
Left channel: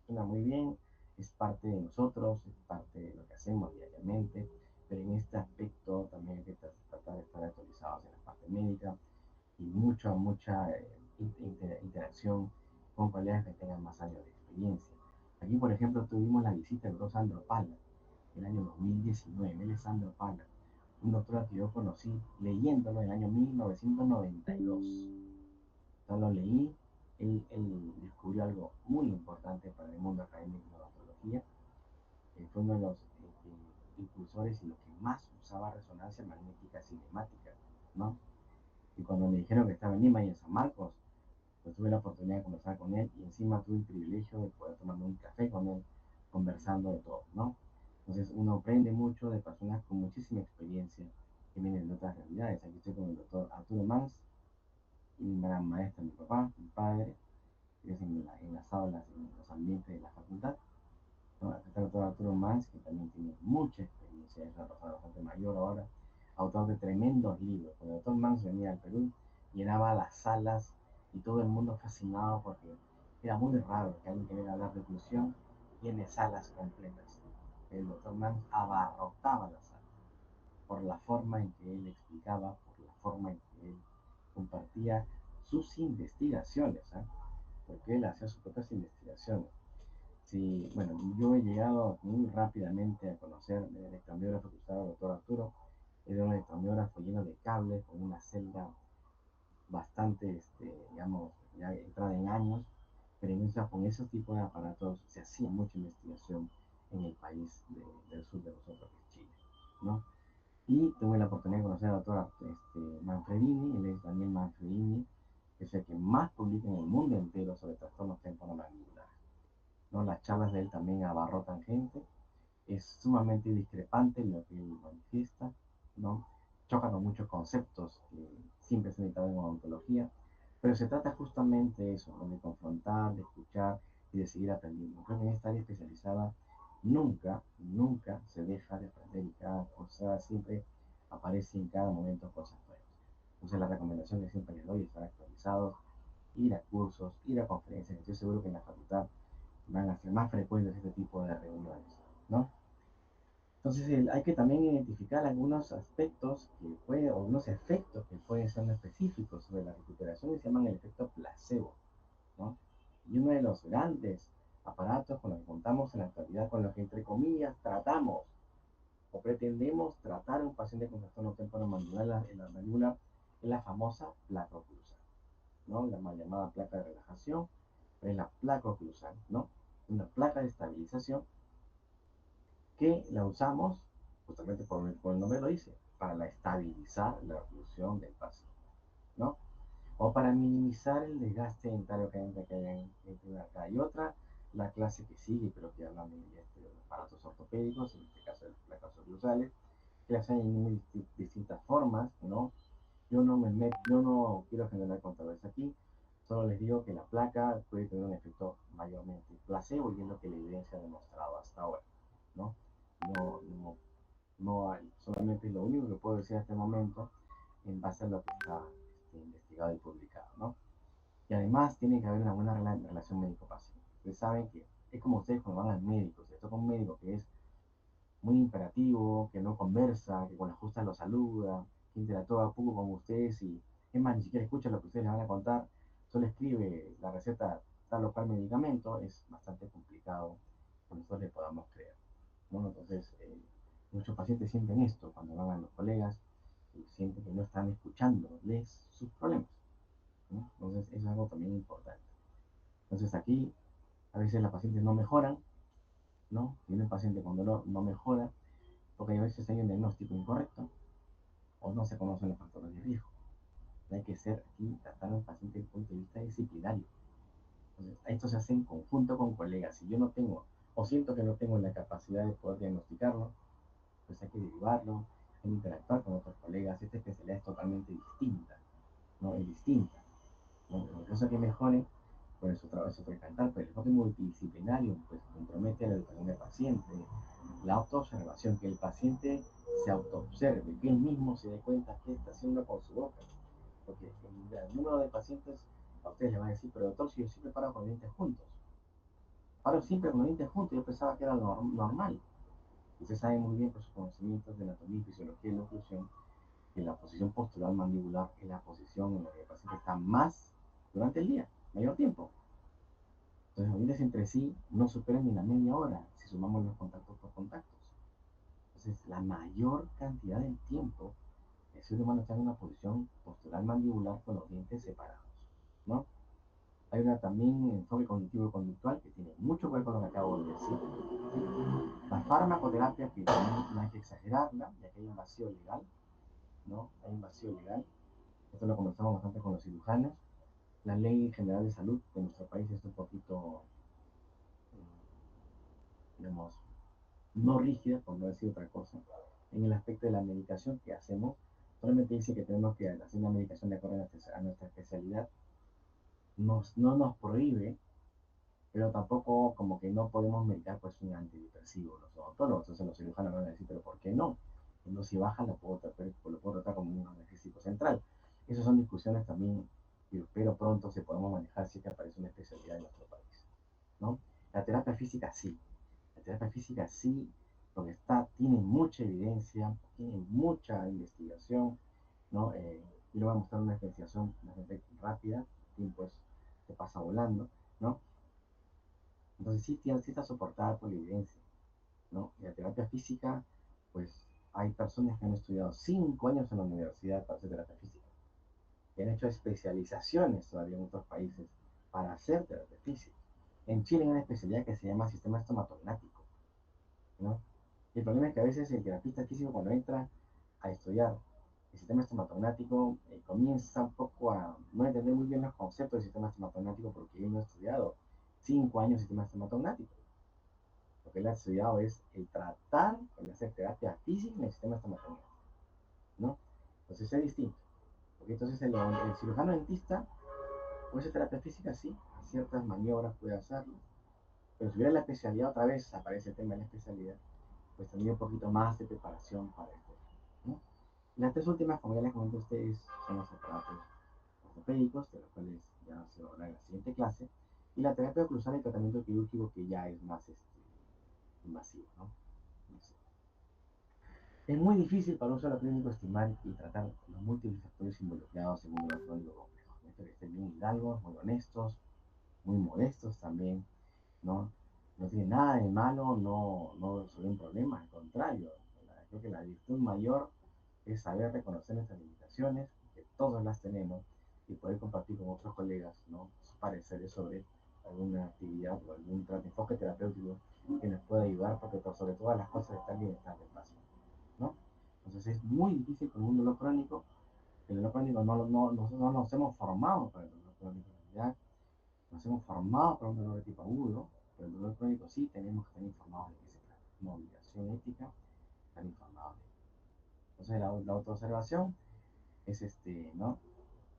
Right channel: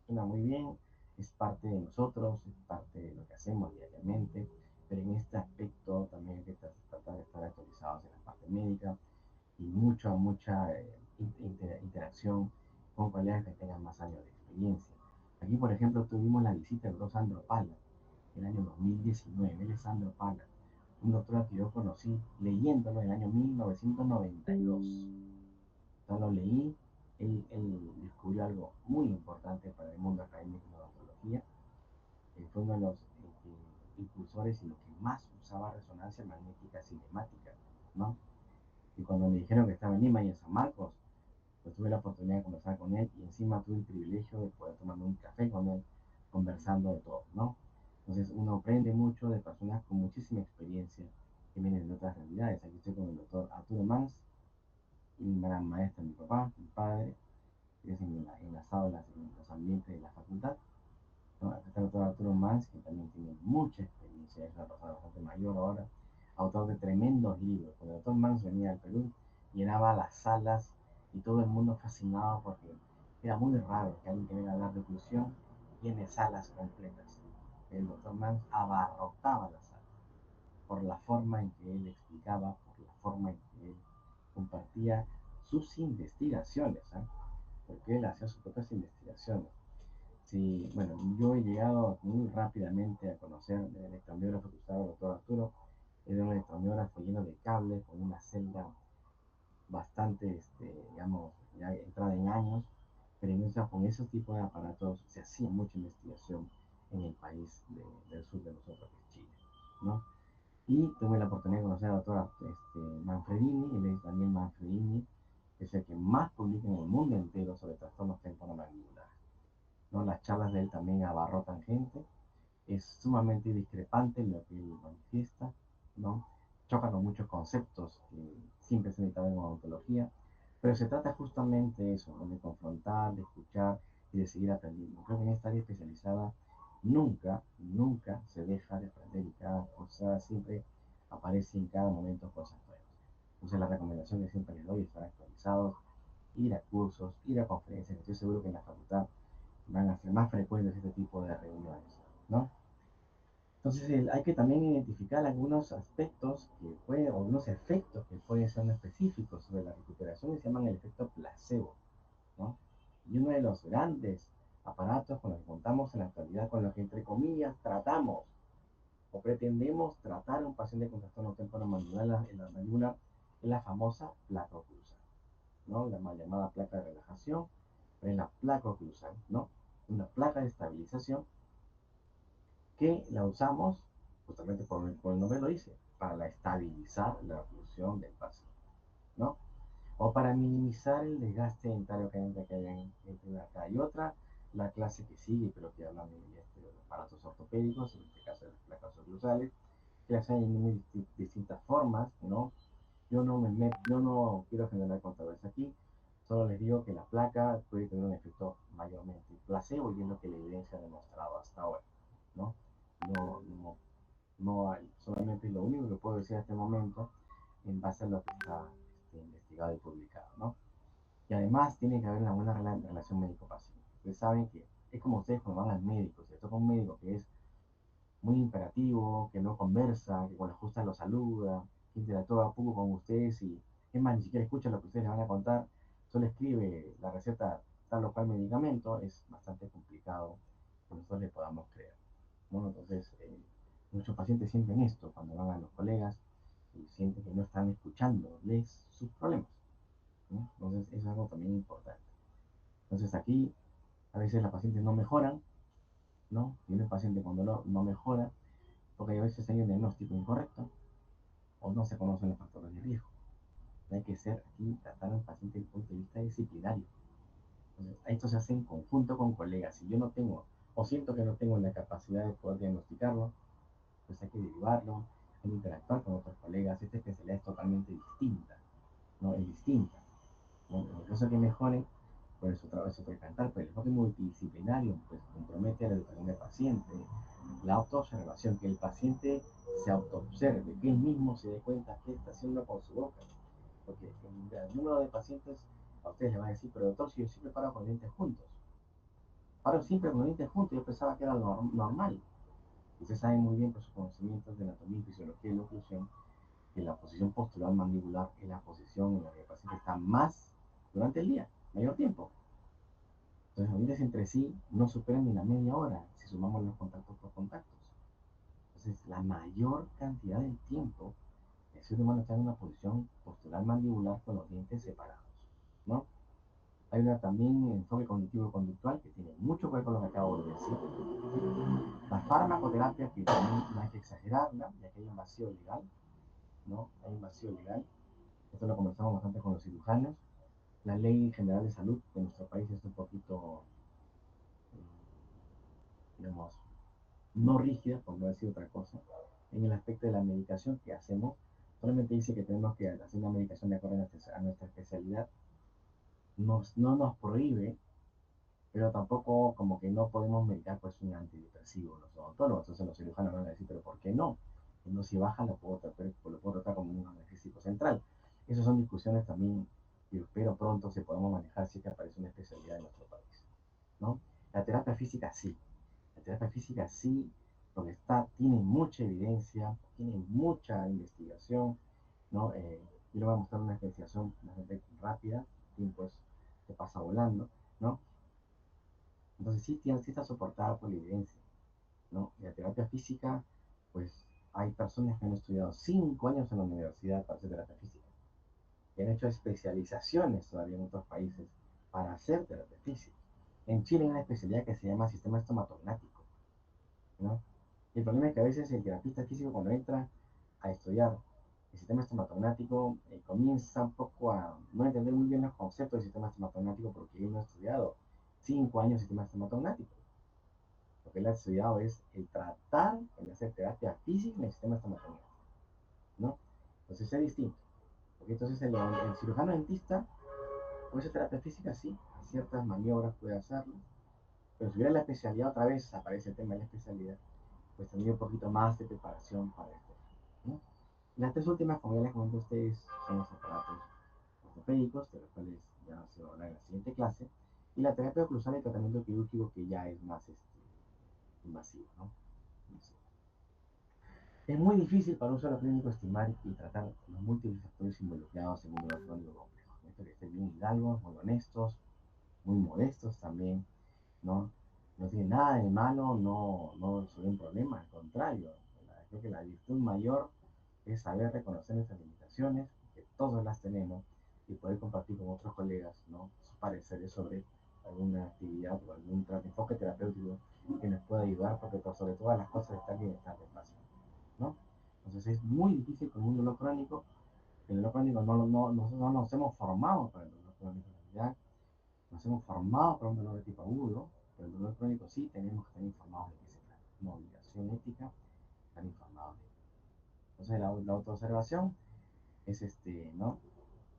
suena muy bien, es parte de nosotros, es parte de lo que hacemos diariamente, pero en este aspecto también hay que tratar de estar actualizados en la parte médica y mucha interacción con colegas que tengan más años de experiencia. Aquí, por ejemplo, tuvimos la visita del doctor Sandro Pala, el año 2019, él es Sandro Pala, un doctor que yo conocí leyéndolo en el año 1992. Entonces lo leí, él descubrió algo muy importante para el mundo académico de la odontología. Fue uno de los impulsores y los que más usaba resonancia magnética cinemática. ¿no? Y cuando me dijeron que estaba en Lima y en San Marcos, pues tuve la oportunidad de conversar con él y encima tuve el privilegio de poder tomarme un café con él, conversando de todo, ¿no? Entonces uno aprende mucho de personas con muchísima experiencia que vienen de otras realidades. Aquí estoy con el doctor Arturo Mans, y mi gran maestra, mi papá, mi padre, que es en las aulas, en los ambientes de la facultad. ¿No? Acá está el doctor Arturo Mans, que también tiene mucha experiencia, es una persona bastante mayor ahora, autor de tremendos libros. Cuando el doctor Mans venía al Perú, llenaba las salas y todo el mundo fascinado porque era muy raro que alguien que venga a hablar de inclusión tiene salas completas. El doctor Mans abarrotaba las salas por la forma en que él explicaba, por la forma en que él compartía sus investigaciones, ¿eh? Porque él hacía sus propias investigaciones. Sí, bueno, yo he llegado muy rápidamente a conocer el electromiógrafo que usaba el doctor Arturo. Era un electromiógrafo lleno de cables, con una celda bastante, digamos, ya entrada en años, pero con esos tipos de aparatos se hacía mucha investigación en el país del sur de nosotros, que es Chile, ¿no? Y tuve la oportunidad de conocer al doctor Manfredini, él es Daniel Manfredini, que es el que más publica en el mundo entero sobre trastornos temporomandibulares, ¿no? Las charlas de él también abarrotan gente, es sumamente discrepante lo que él manifiesta, ¿no? Choca con muchos conceptos que siempre se han necesitado en odontología, pero se trata justamente de eso, ¿no? De confrontar, de escuchar y de seguir aprendiendo. Creo que en esta área especializada nunca se deja de aprender y cada cosa siempre aparece en cada momento cosas nuevas. Entonces la recomendación que siempre les doy es estar actualizados, ir a cursos, ir a conferencias. Estoy seguro que en la facultad van a ser más frecuentes este tipo de reuniones, ¿no? Entonces hay que también identificar algunos aspectos o algunos efectos que pueden ser específicos sobre la recuperación y se llaman el efecto placebo, ¿no? Y uno de los grandes aparatos con los que contamos en la actualidad, con los que entre comillas tratamos o pretendemos tratar a un paciente con trastorno temporomandibular en la mandíbula, es la famosa placa oclusal, ¿no? La mal llamada placa de relajación, pero es la placa oclusal, ¿no? Una placa de estabilización que la usamos, justamente por el nombre lo dice, para estabilizar la oclusión del paciente, ¿no? O para minimizar el desgaste dentario que hay entre una acá y otra, la clase que sigue, pero que hablan de los aparatos ortopédicos, en este caso de las placas oclusales, que las hay en distintas formas, ¿no? Yo no quiero generar controversia aquí, solo les digo que la placa puede tener un efecto mayormente placebo y es lo que la evidencia ha demostrado hasta ahora, ¿no? No, no, no hay, solamente lo único que puedo decir hasta el momento en base a lo que está investigado y publicado, ¿no? Y además tiene que haber una buena relación médico-paciente. Ustedes saben que es como ustedes cuando van al médico, si toca un médico que es muy imperativo, que no conversa, que cuando justa lo saluda, que interactúa poco con ustedes y es más, ni siquiera escucha lo que ustedes le van a contar, solo escribe la receta tal o cual medicamento, es bastante complicado que nosotros le podamos creer, ¿no? Entonces, muchos pacientes sienten esto cuando van a los colegas y sienten que no están escuchándoles sus problemas, ¿no? Entonces, eso es algo también importante. Entonces, aquí a veces las pacientes no mejoran, ¿no? Y un paciente con dolor no mejora porque a veces hay un diagnóstico incorrecto o no se conocen los factores de riesgo. Hay que ser aquí, tratar al paciente desde el punto de vista disciplinario. Entonces, esto se hace en conjunto con colegas. Si yo no tengo o siento que no tengo la capacidad de poder diagnosticarlo, pues hay que derivarlo, hay que interactuar con otros colegas. Esta especialidad es totalmente distinta, ¿no? Es distinta. ¿No? En el caso que mejore, pues su trabajo es otro cantar, pero el enfoque multidisciplinario pues compromete a la educación del paciente, la autoobservación, que el paciente se autoobserve, que él mismo se dé cuenta qué está haciendo con su boca. Porque el número de pacientes a ustedes les van a decir, pero doctor, si yo siempre paro con dientes juntos, paro siempre con dientes juntos, yo pensaba que era normal. Usted sabe muy bien por sus conocimientos de anatomía y fisiología de la oclusión que la posición postural mandibular es la posición en la que el paciente está más durante el día, mayor tiempo. Entonces los dientes entre sí no superan ni la media hora si sumamos los contactos por contactos. Entonces la mayor cantidad del tiempo el ser humano está en una posición postural mandibular con los dientes separados, ¿no? Hay una también enfoque cognitivo-conductual que tiene mucho que ver con lo que acabo de decir. La farmacoterapia, que también no hay que exagerarla, ya que hay un vacío legal, ¿no? Hay un vacío legal. Esto lo conversamos bastante con los cirujanos. La ley general de salud de nuestro país es un poquito, digamos, no rígida, por no decir otra cosa, en el aspecto de la medicación que hacemos. Solamente dice que tenemos que hacer una medicación de acuerdo a nuestra especialidad. No nos prohíbe, pero tampoco como que no podemos medicar pues un antidepresivo los odontólogos. Entonces los cirujanos van a decir, pero ¿por qué no? No, si baja lo puedo tratar como un analgésico central. Esas son discusiones también que espero pronto se podamos manejar si es que aparece una especialidad en nuestro país, ¿no? La terapia física sí, la terapia física sí, porque tiene mucha evidencia, tiene mucha investigación, ¿no? Yo le voy a mostrar una investigación bastante rápida, el tiempo se pasa volando, ¿no? Entonces sí está soportada por la evidencia, ¿no? Y la terapia física, pues hay personas que han estudiado 5 años en la universidad para hacer terapia física, y han hecho especializaciones todavía en otros países para hacer terapia física. En Chile hay una especialidad que se llama sistema estomatognático, ¿no? Y el problema es que a veces el terapista físico cuando entra a estudiar el sistema estomatognático comienza un poco a no entender muy bien los conceptos del sistema estomatognático porque él no ha estudiado 5 años el sistema estomatognático. Lo que él ha estudiado es el tratar, el hacer terapia física en el sistema estomatognático, ¿no? Entonces es distinto. Porque entonces el cirujano dentista puede hacer terapia física, sí, a ciertas maniobras puede hacerlo, pero si hubiera la especialidad otra vez, aparece el tema de la especialidad, pues tendría un poquito más de preparación para esto, ¿no? Y las tres últimas, como ya les comenté a ustedes, son los aparatos ortopédicos, de los cuales ya se va a hablar en la siguiente clase, y la terapia oclusal y tratamiento quirúrgico que ya es más invasivo, ¿no? Es muy difícil para un solo clínico estimar y tratar los múltiples factores involucrados en un dolor crónico complejo. Esto que estén bien hidalgos, muy honestos, muy modestos también, ¿no? No tiene nada de malo, no es un problema, al contrario. Creo que la virtud mayor es saber reconocer nuestras limitaciones, que todos las tenemos, y poder compartir con otros colegas, ¿no? Sus pareceres sobre alguna actividad o algún enfoque terapéutico que nos pueda ayudar, porque por sobre todas las cosas está el bienestar del paciente, ¿no? Entonces es muy difícil con un dolor crónico. El dolor crónico nosotros no nos hemos formado para el dolor crónico, en realidad nos hemos formado para un dolor de tipo agudo, pero el dolor crónico sí tenemos que estar informados de qué se trata. Es una obligación ética estar informados de ello. Entonces la autoobservación es ¿no?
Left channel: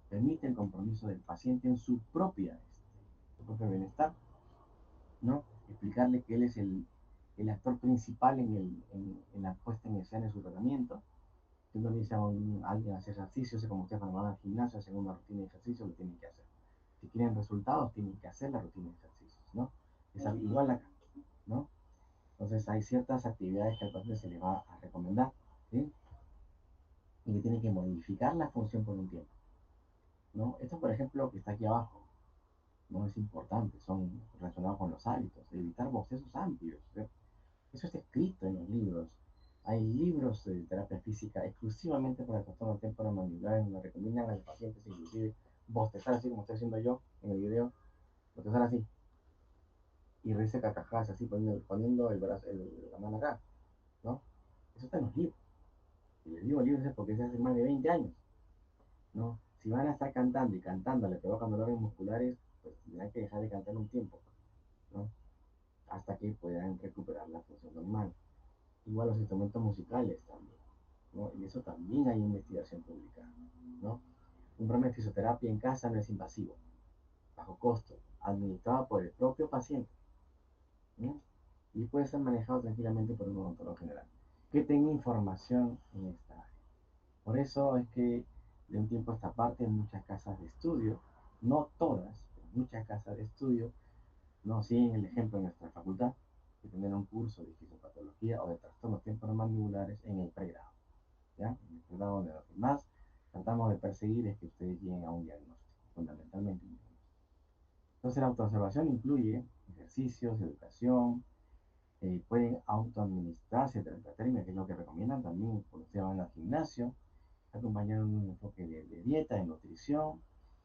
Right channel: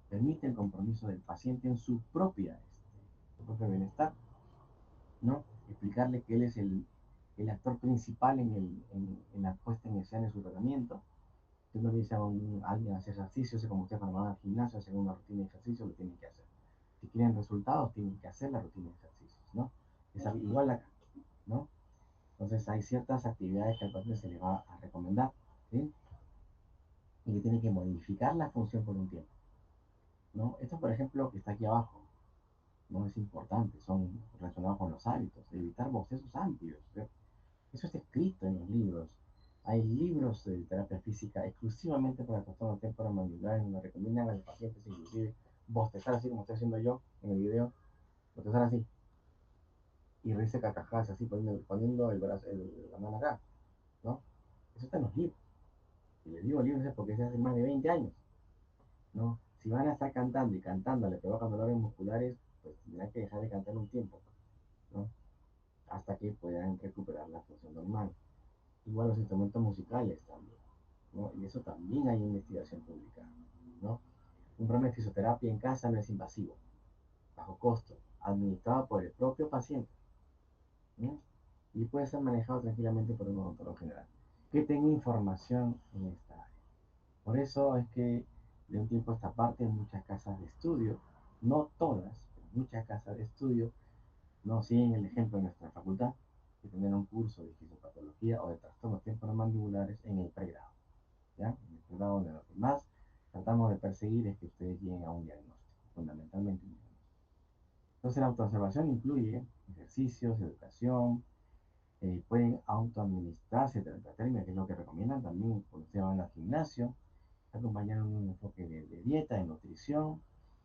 Permite el compromiso del paciente en su propio bienestar, ¿no? Explicarle que él es el actor principal en la puesta en escena de su tratamiento. Usted no le dice a alguien hacer ejercicio, como usted cuando van al gimnasio, hacen una rutina de ejercicio, lo tienen que hacer. Si quieren resultados, tienen que hacer la rutina de ejercicios, ¿no? Es igual acá, ¿no? Entonces hay ciertas actividades que al paciente se le va a recomendar, ¿sí? Y que tiene que modificar la función por un tiempo, ¿no? Esto, por ejemplo, que está aquí abajo, ¿no? Es importante, son relacionados con los hábitos, evitar bocetos amplios, ¿sí? Eso está escrito en los libros. Hay libros de terapia física exclusivamente para el trastorno temporomandibular donde recomiendan a los pacientes inclusive bostezar así como estoy haciendo yo en el video, bostezar así y reírse carcajadas así poniendo el brazo, la mano acá, ¿no? Eso está en los libros. Y les digo libros es porque es hace más de 20 años, ¿no? Si van a estar cantando y cantando le provocan dolores musculares, pues tendrán que dejar de cantar un tiempo, ¿no? Hasta que puedan recuperar la función normal. Igual los instrumentos musicales también, ¿no? Y eso también hay investigación publicada, ¿no? Un programa de fisioterapia en casa no es invasivo, bajo costo, administrado por el propio paciente, ¿no? Y puede ser manejado tranquilamente por un odontólogo general que tenga información en esta área. Por eso es que de un tiempo a esta parte muchas casas de estudio, no todas, pero muchas casas de estudio, no siguen el ejemplo de nuestra facultad, que tener un curso de fisiopatología o de trastornos temporomandibulares en el pregrado, ¿ya? En el pregrado donde lo que más tratamos de perseguir es que ustedes lleguen a un diagnóstico, fundamentalmente un diagnóstico. Entonces la autoobservación incluye ejercicios, educación, pueden autoadministrarse terapia, que es lo que recomiendan también cuando ustedes van al gimnasio, acompañar un enfoque de dieta, de nutrición,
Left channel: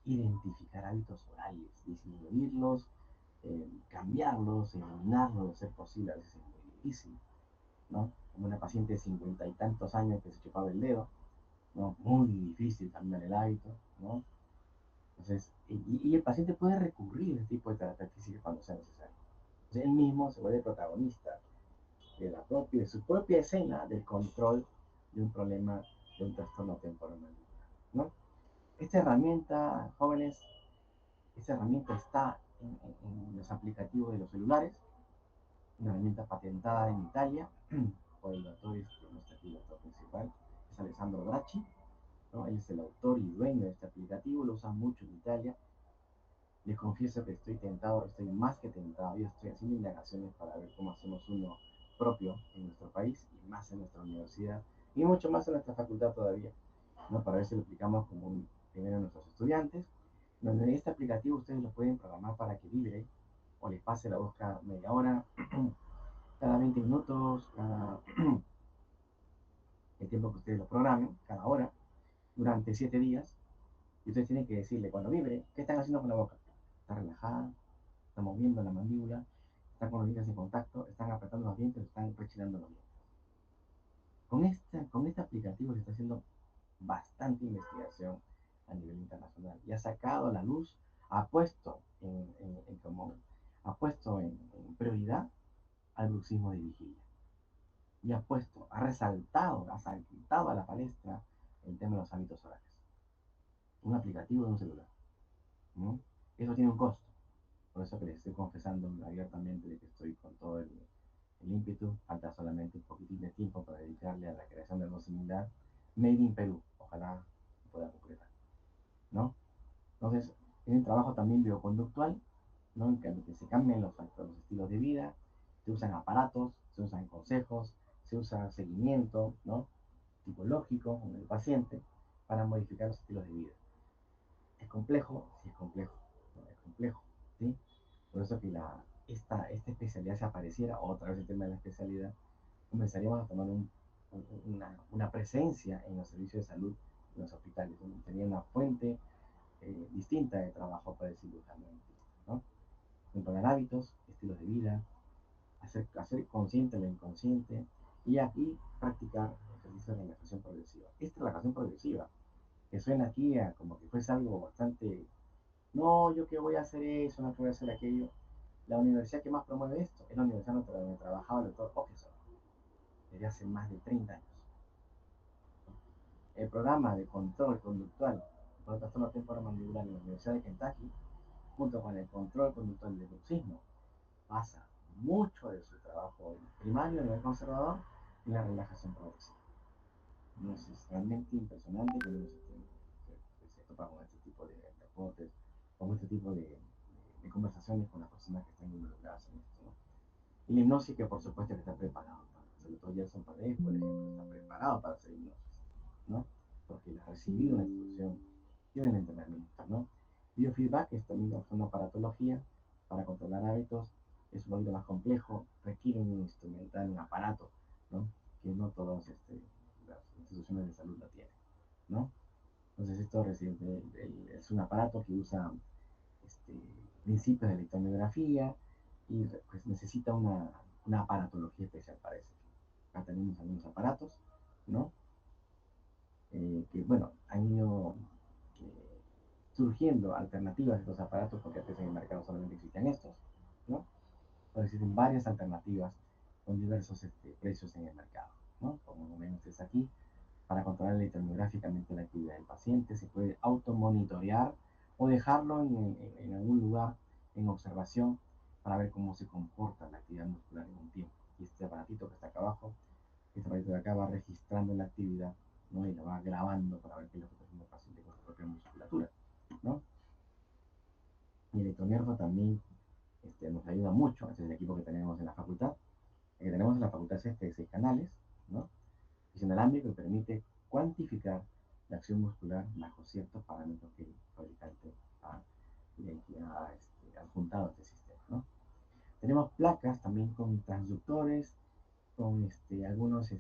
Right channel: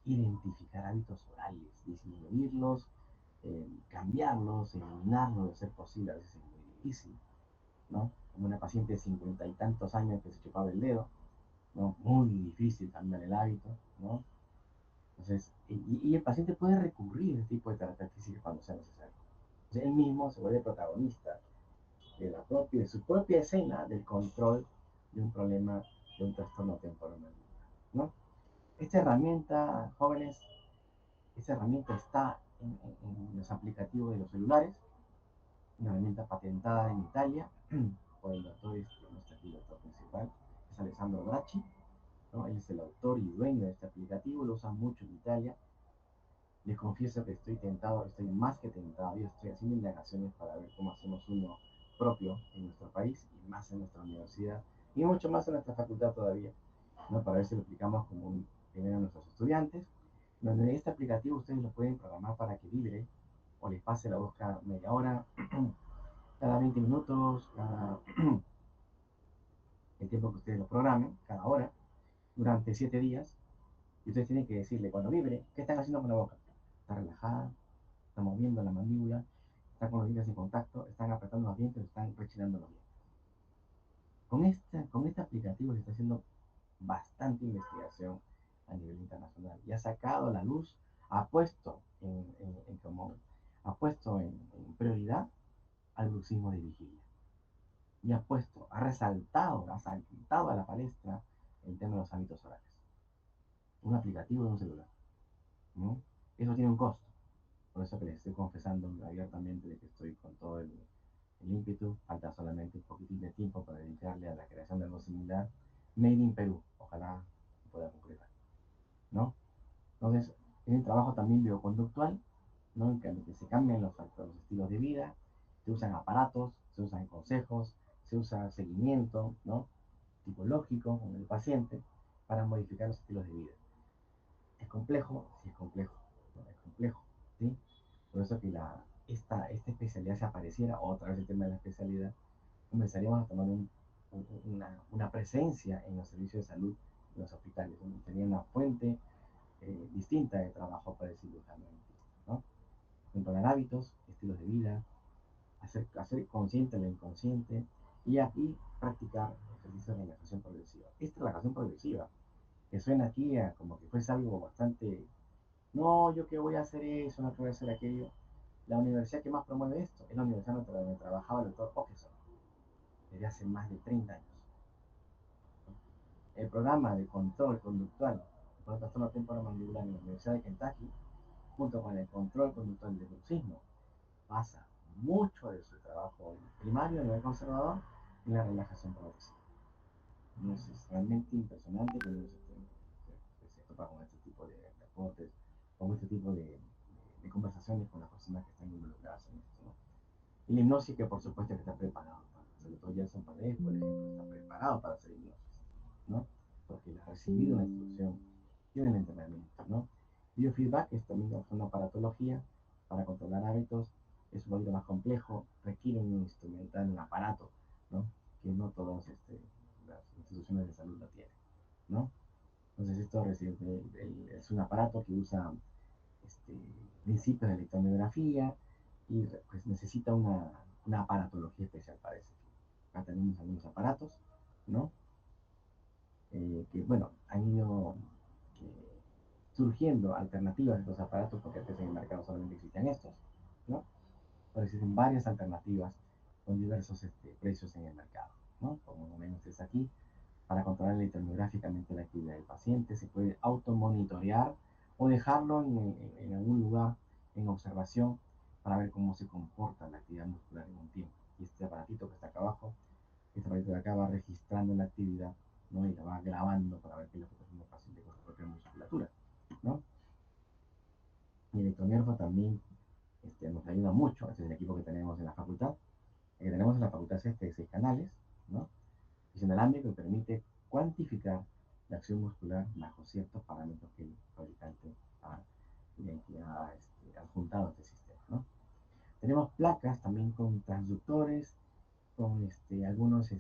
identificar hábitos orales, disminuirlos, cambiarlos, eliminarlos, de ser posible, a veces es muy difícil, ¿no? Como una paciente de 50 y tantos años que se chupaba el dedo, ¿no? Muy difícil cambiar el hábito, ¿no? Entonces, y el paciente puede recurrir a este tipo de terapia física cuando sea necesario. Entonces, él mismo se vuelve protagonista de su propia escena del control de un problema, de un trastorno temporomandibular, ¿no? Esta herramienta, jóvenes, esta herramienta está en los aplicativos de los celulares, una herramienta patentada en Italia por el doctor, nuestro aquí, el doctor principal, es Alessandro Bracci, ¿no? Él es el autor y dueño de este aplicativo, lo usa mucho en Italia. Les confieso que estoy tentado, estoy más que tentado, yo estoy haciendo indagaciones para ver cómo hacemos uno propio en nuestro país y más en nuestra universidad y mucho más en nuestra facultad todavía, ¿no? Para ver si lo aplicamos como primero a nuestros estudiantes, donde este aplicativo ustedes lo pueden programar para que vibre o les pase la voz cada media hora, cada 20 minutos, cada el tiempo que ustedes lo programen, cada hora, durante 7 días, y ustedes tienen que decirle cuando vibre, ¿qué están haciendo con la boca? ¿Está relajada? ¿Está moviendo la mandíbula? ¿Están con los dientes en contacto? ¿Están apretando los dientes? ¿Están rechinando los dientes? Con este aplicativo se está haciendo bastante investigación a nivel internacional y ha sacado a la luz, ha puesto ha puesto en prioridad al bruxismo de vigilia y ha saltado a la palestra el tema de los hábitos orales. Un aplicativo de un celular, ¿no? Eso tiene un costo. Por eso que les estoy confesando abiertamente de que estoy con todo el ímpetu. Falta solamente un poquitín de tiempo para dedicarle a la creación de algo similar. Made in Perú. Ojalá pueda concretar, ¿no? Entonces, es un trabajo también bioconductual, ¿no? En que se cambian los estilos de vida, se usan aparatos, se usan consejos, se usa seguimiento, ¿no? Tipológico en el paciente para modificar los estilos de vida. ¿Es complejo? Sí, es complejo. ¿No? Es complejo, ¿sí? Por eso que esta especialidad se apareciera, otra vez el tema de la especialidad, comenzaríamos a tomar una presencia en los servicios de salud, en los hospitales, donde tenía una fuente distinta de trabajo para el cirujano, ¿no? Controlar hábitos, estilos de vida, hacer consciente lo inconsciente y aquí practicar ejercicios de relajación progresiva. Esta relajación progresiva, que suena aquí como que fuese algo bastante, no, yo que voy a hacer eso, no que voy a hacer aquello. La universidad que más promueve esto es la universidad donde trabajaba el doctor Okeson desde hace más de 30 años. El programa de control conductual por trastorno temporomandibular en la Universidad de Kentucky, junto con el control conductual del bruxismo, basa mucho de su trabajo primario a nivel conservador en la relajación progresiva. Entonces, es realmente impresionante que uno se topa con este tipo de reportes, con este tipo de conversaciones con las personas que están involucradas en esto, ¿no? Y la hipnosis que por supuesto que está preparado, ¿no? Sobre todo Gerson Paredes, por ejemplo, está preparado para hacer hipnosis, ¿no? Porque ha recibido una instrucción, tiene un entrenamiento, ¿no? Biofeedback es también una aparatología para controlar hábitos, es un poquito más complejo, requiere un instrumental, un aparato, ¿no? Que no todas las instituciones de salud lo tienen, ¿no? Entonces esto es un aparato que usa este, principios de electromiografía y pues necesita una aparatología especial para eso. Acá tenemos algunos aparatos, ¿no? Que bueno, han ido eh, surgiendo alternativas a estos aparatos porque antes en el mercado solamente existían estos, ¿no? Ahora existen varias alternativas con diversos precios en el mercado, ¿no? Como ven ustedes aquí, para controlar electromiográficamente la actividad del paciente, se puede automonitorear o dejarlo en algún lugar en observación para ver cómo se comporta la actividad muscular en un tiempo. Y este aparatito que está acá abajo, este aparatito de acá va registrando la actividad, ¿no? Y la va grabando para ver qué es lo que está haciendo el paciente con su propia musculatura, ¿no? Y el electromiografo también nos ayuda mucho, este es el equipo que tenemos en la facultad. El que tenemos en la facultad es este de 6 canales, ¿no? Es inalámbrico y permite cuantificar la acción muscular bajo ciertos parámetros que el fabricante ha adjuntado a este sistema, ¿no? Tenemos placas también con transductores, con algunos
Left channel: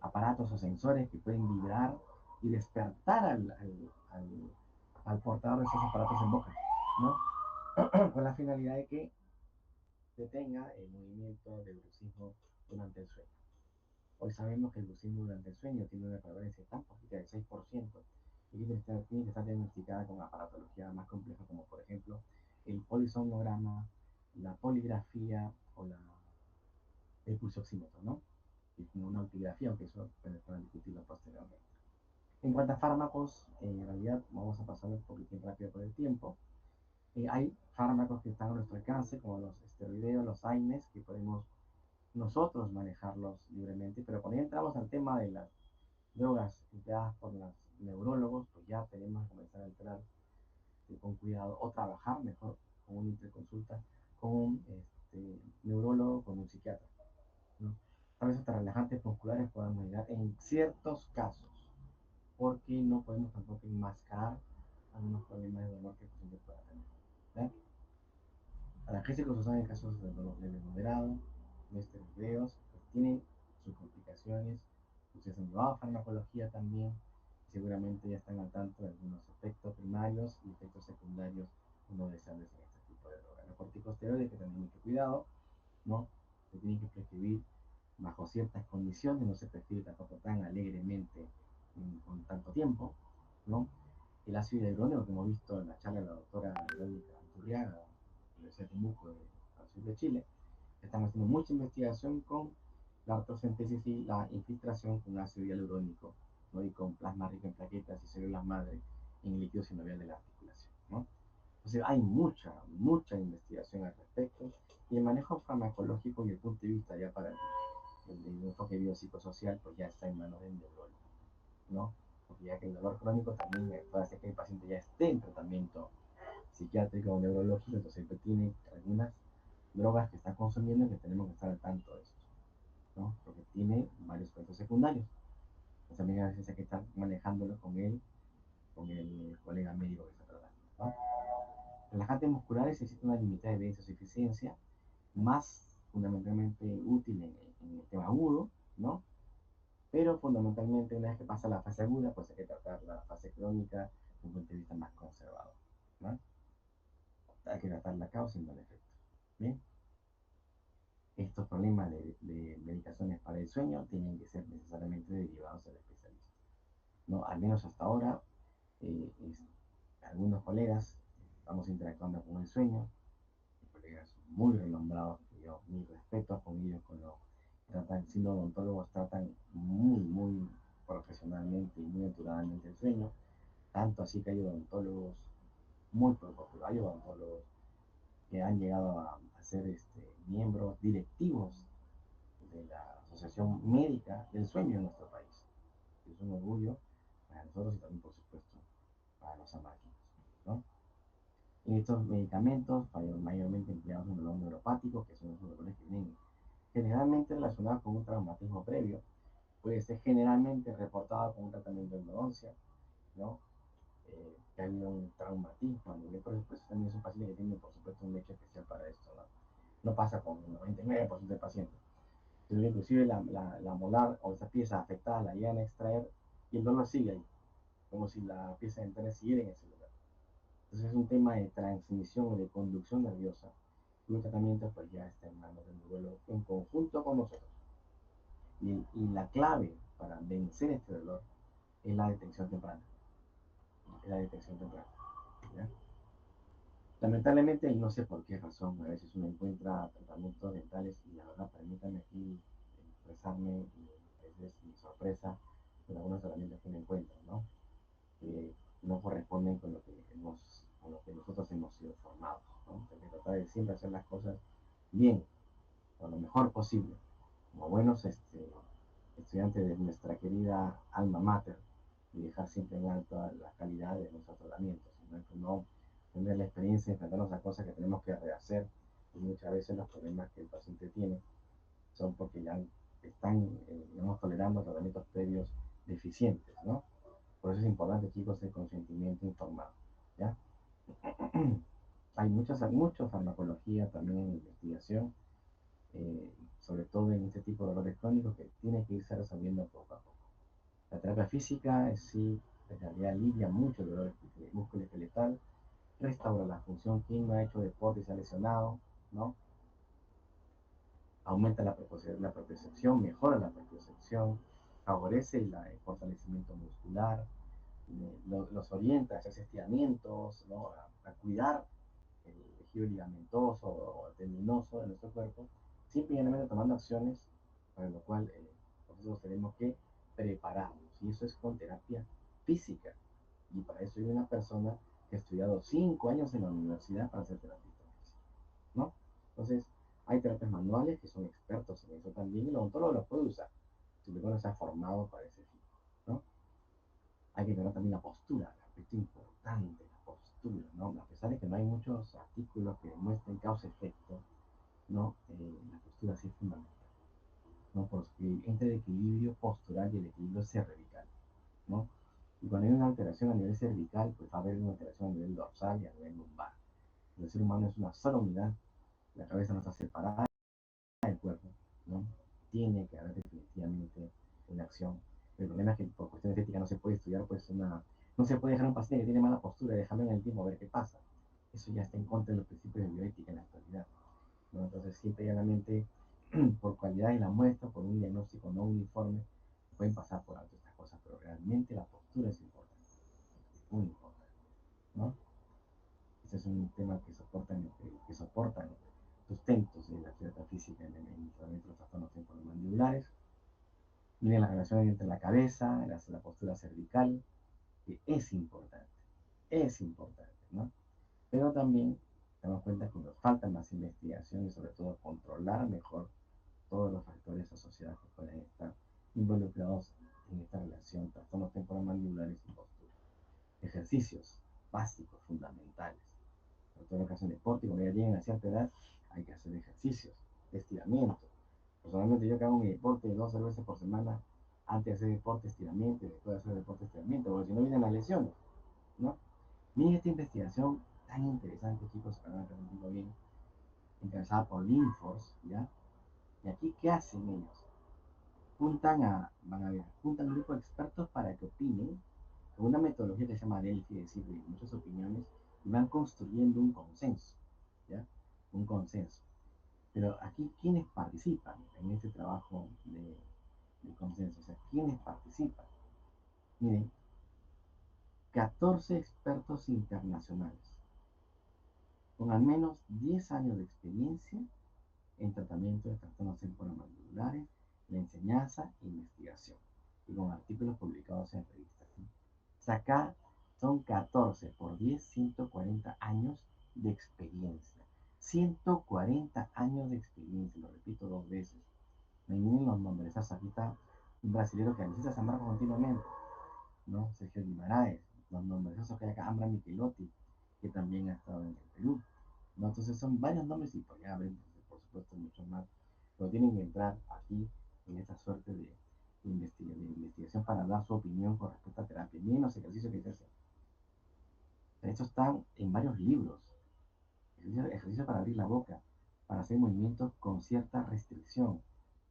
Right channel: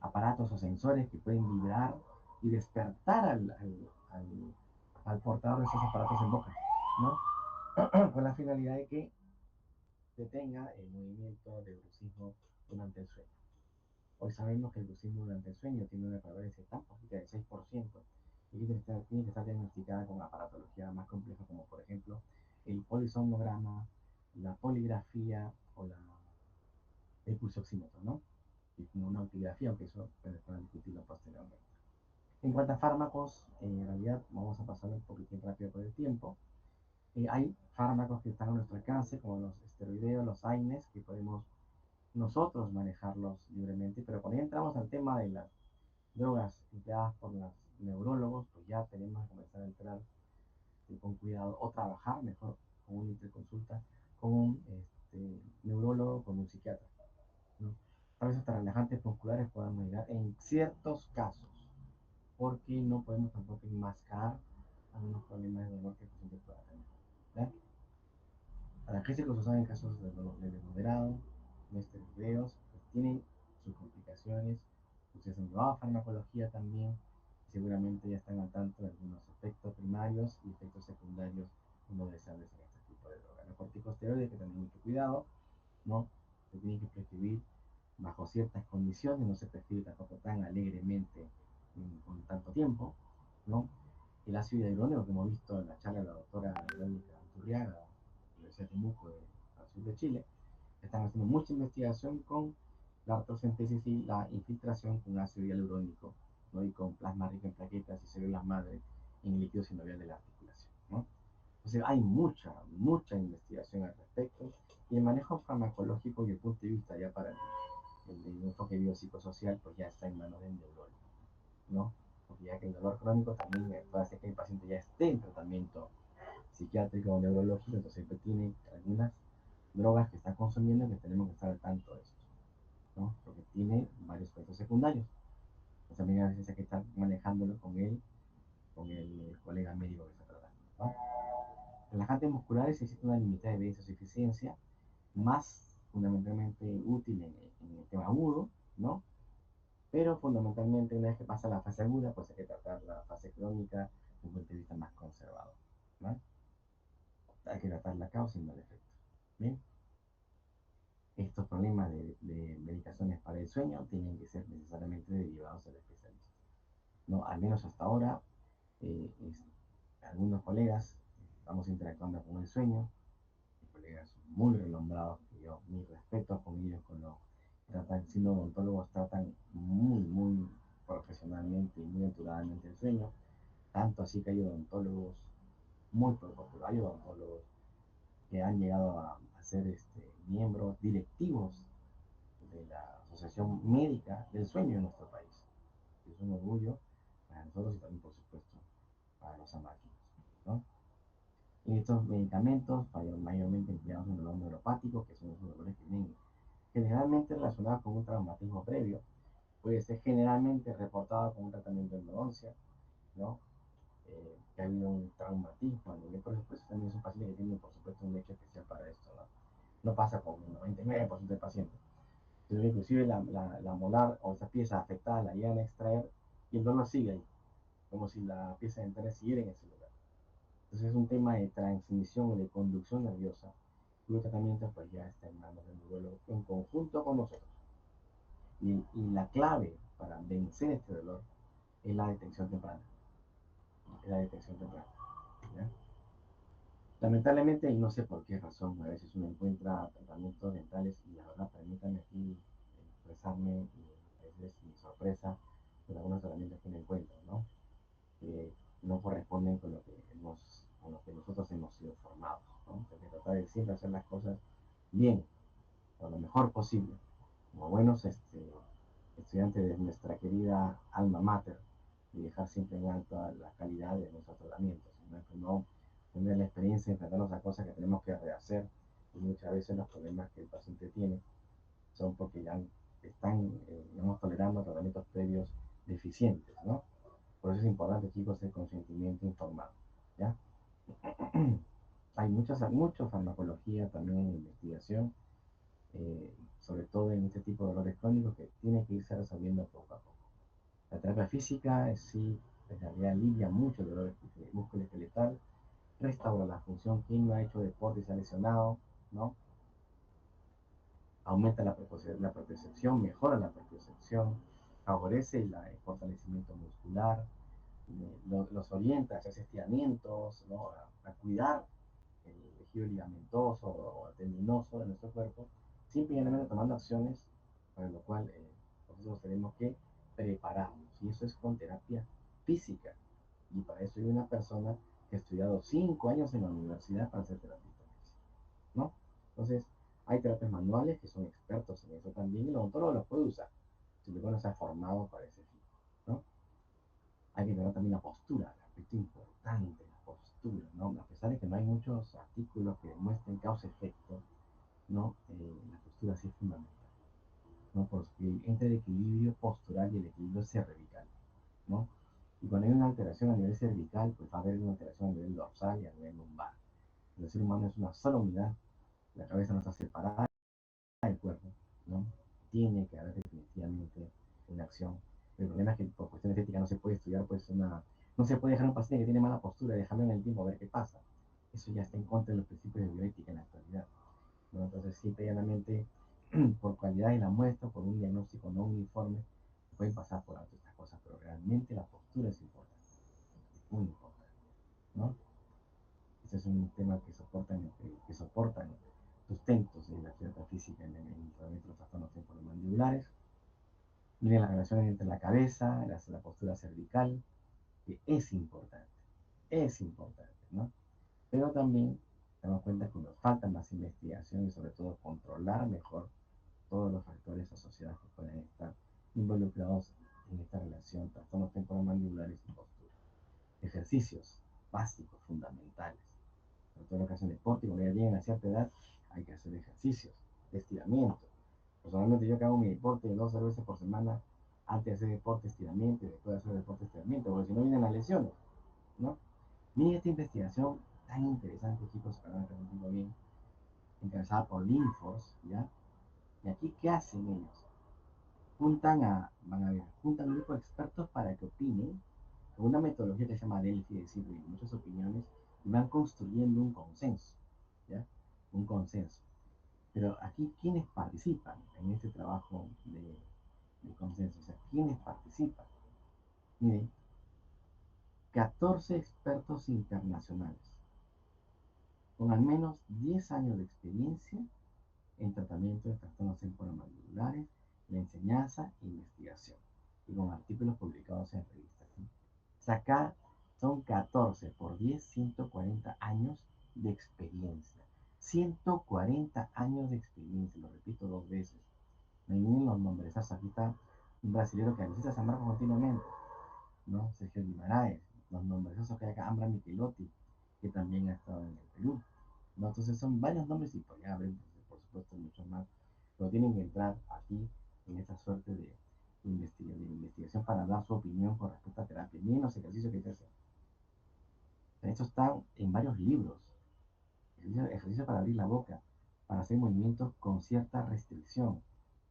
aparatos o sensores que pueden vibrar y despertar al portador de esos aparatos en boca, ¿no? Con la finalidad de que detenga el movimiento de bruxismo durante el sueño. Hoy sabemos que el brucismo durante el sueño tiene una prevalencia tan bajita de 6% y tiene que estar diagnosticada con aparatología más compleja como por ejemplo el polisomnograma, la poligrafía o el pulsoxímetro, ¿no? Y como una altigrafía, aunque eso puede discutirlo posteriormente. En cuanto a fármacos, en realidad vamos a pasar un poquitín rápido por el tiempo. Hay fármacos que están a nuestro alcance, como los esteroideos, los AINES, que podemos nosotros manejarlos libremente, pero cuando entramos al tema de las drogas empleadas por los neurólogos, pues ya tenemos que comenzar a entrar con cuidado o trabajar mejor con una interconsulta con un neurólogo, con un psiquiatra, ¿no? Tal vez hasta relajantes musculares podamos llegar en ciertos casos, porque no podemos tampoco enmascarar algunos problemas de dolor que el paciente pueda tener. ¿Verdad? Analgésicos se usan en casos de dolor leve moderado, esteroideos, pues tienen sus complicaciones, ustedes han llevado farmacología también, y seguramente ya están al tanto de algunos efectos primarios y efectos secundarios no deseables en este tipo de drogas. Los corticosteroides hay que tener mucho cuidado, ¿no? Se tienen que prescribir bajo ciertas condiciones, no se prescribe tampoco tan alegremente con tanto tiempo, ¿no? El ácido hialurónico que hemos visto en la charla de la doctora Verónica Anturriaga, de la Universidad de Temuco, al sur de Chile, están haciendo mucha investigación con la artrocentesis y la infiltración con ácido hialurónico, ¿no? Y con plasma rico en plaquetas y células madre en el líquido sinovial de la articulación, ¿no? Entonces hay mucha investigación al respecto y el manejo farmacológico y el punto de vista ya para el enfoque biopsicosocial pues ya está en manos del neurólogo, ¿no? Porque ya que el dolor crónico también puede hacer que el paciente ya esté en tratamiento psiquiátrico o neurológico, entonces pues, tiene algunas drogas que está consumiendo y que tenemos que estar al tanto de esto, ¿no? Porque tiene varios efectos secundarios. Entonces también a veces hay que estar manejándolo con el colega médico que está tratando, ¿no? Relajantes musculares existe una limitada evidencia de su eficiencia, más fundamentalmente útil en el tema agudo, ¿no? Pero fundamentalmente una vez que pasa la fase aguda, pues hay que tratar la fase crónica desde un punto de vista más conservador, ¿no? Hay que tratar la causa y no el efecto. Bien, estos problemas de medicaciones para el sueño tienen que ser necesariamente derivados al especialista, ¿no? Al menos hasta ahora, eh, es, algunos colegas estamos interactuando con el sueño, colegas muy renombrados, que yo mis respetos con ellos, con lo tratan, siendo odontólogos, tratan muy profesionalmente y muy naturadamente el sueño, tanto así que hay odontólogos muy populares, hay odontólogos que han llegado a ser miembros directivos de la Asociación Médica del Sueño en nuestro país. Es un orgullo para nosotros y también, por supuesto, para los amáquinos, ¿no? Y estos medicamentos, mayormente empleados en el dolor neuropático, que son los dolores que vienen generalmente relacionados con un traumatismo previo, puede ser generalmente reportado con un tratamiento de endodoncia, ¿no? Que ha habido un traumatismo a nivel, por supuesto, también es un paciente que tiene, por supuesto, un lecho especial para esto, ¿no? No pasa con el 99% de pacientes. Pero inclusive la molar o esa pieza afectada la llegan a extraer y el dolor sigue ahí, como si la pieza dental siguiera en ese lugar. Entonces es un tema de transmisión o de conducción nerviosa. Y el tratamiento pues ya está en manos del neurólogo en conjunto con nosotros. Y la clave para vencer este dolor es la detección temprana. Es la detección temprana. ¿Ya? Lamentablemente, y no sé por qué razón, a veces uno encuentra tratamientos dentales y la verdad, permítanme aquí expresarme y a veces mi sorpresa con algunos tratamientos que me encuentro, ¿no? Que no corresponden con lo que nosotros hemos sido formados, ¿no? Hay que tratar de siempre hacer las cosas bien, o lo mejor posible, como buenos estudiantes de nuestra querida alma mater, y dejar siempre en alto la calidad de nuestros tratamientos, ¿no? Que no tener la experiencia de enfrentarnos a cosas que tenemos que rehacer, y muchas veces los problemas que el paciente tiene son porque ya están, digamos, tolerando tratamientos previos deficientes, ¿no? Por eso es importante, chicos, el consentimiento informado, ¿ya? Hay mucha farmacología también en investigación, sobre todo en este tipo de dolores crónicos que tiene que irse resolviendo poco a poco. La terapia física sí, en realidad alivia mucho el dolor musculoesqueletal, restaura la función. ¿Quién no ha hecho deporte y se ha lesionado? ¿No? aumenta la propiocepción, mejora la propiocepción, favorece el fortalecimiento muscular, los orienta a hacer estiramientos, ¿no? A cuidar el tejido ligamentoso o tendinoso de nuestro cuerpo, simplemente tomando acciones para lo cual nosotros tenemos que prepararnos. Y eso es con terapia física. Y para eso hay una persona que ha estudiado 5 años en la universidad para ser terapista física, ¿no? Entonces, hay terapias manuales que son expertos en eso también y el odontólogo los puede usar, si no se ha formado para ese fin, ¿no? Hay que tener también la postura, el aspecto importante, la postura, ¿no? A pesar de que no hay muchos artículos que demuestren causa-efecto, ¿no? La postura sí es fundamental, ¿no? Porque entre el equilibrio postural y el equilibrio cervical, ¿no? Y cuando hay una alteración a nivel cervical, pues va a haber una alteración a nivel dorsal y a nivel lumbar. El ser humano es una sola unidad, la cabeza no está separada del cuerpo, ¿no? Tiene que haber definitivamente una acción. El problema es que por cuestiones éticas no se puede estudiar, pues no se puede dejar a un paciente que tiene mala postura y dejarlo en el tiempo a ver qué pasa. Eso ya está en contra de los principios de bioética en la actualidad, ¿no? Entonces, simple y llanamente, por calidad de la muestra, por un diagnóstico no uniforme, pueden pasar por alto estas cosas, pero realmente la postura es importante, es muy importante, ¿no? Ese es un tema que soportan sustentos de la terapia física en el tratamiento de los trastornos temporomandibulares. Miren la relación entre la cabeza, la postura cervical, que es importante, ¿no? Pero también damos cuenta que nos falta más investigación y sobre todo controlar mejor todos los factores asociados que pueden estar involucrados en esta relación, trastornos temporomandibulares y postura. Ejercicios básicos, fundamentales. Sobre todo los que hacen deporte y cuando ya llegan a cierta edad, hay que hacer ejercicios de estiramiento. Personalmente yo que hago mi deporte 2 veces por semana, antes de hacer deporte, estiramiento y después de hacer deporte, estiramiento, porque si no vienen las lesiones, ¿no? Miren esta investigación tan interesante, chicos, para que lo digo bien, encabezada por Linfors, ¿ya? Y aquí, ¿qué hacen ellos? Juntan un grupo de expertos para que opinen con una metodología que se llama Delphi, es decir, muchas opiniones, y van construyendo un consenso, ¿ya? Un consenso. Pero aquí, ¿quiénes participan en este trabajo de consenso? O sea, ¿quiénes participan? Miren, 14 expertos internacionales, con al menos 10 años de experiencia en tratamiento de trastornos temporomandibulares, la enseñanza e investigación, y con artículos publicados en revistas, ¿sí? O sea, acá son 14 por 10, 140 años de experiencia. 140 años de experiencia, lo repito 2 veces. Me vienen los nombres. Aquí está un brasileño que necesita San Marcos continuamente, ¿no? Sergio Guimaraes, los nombres que hay acá, Ambra Michelotti, que también ha estado en el Perú, ¿no? Entonces son varios nombres y podría haber, por supuesto, muchos más, pero tienen que entrar aquí en esta suerte de investigación para dar su opinión con respecto a terapia. Miren los ejercicios que hay que hacer. Estos están en varios libros. Ejercicio para abrir la boca, para hacer movimientos con cierta restricción,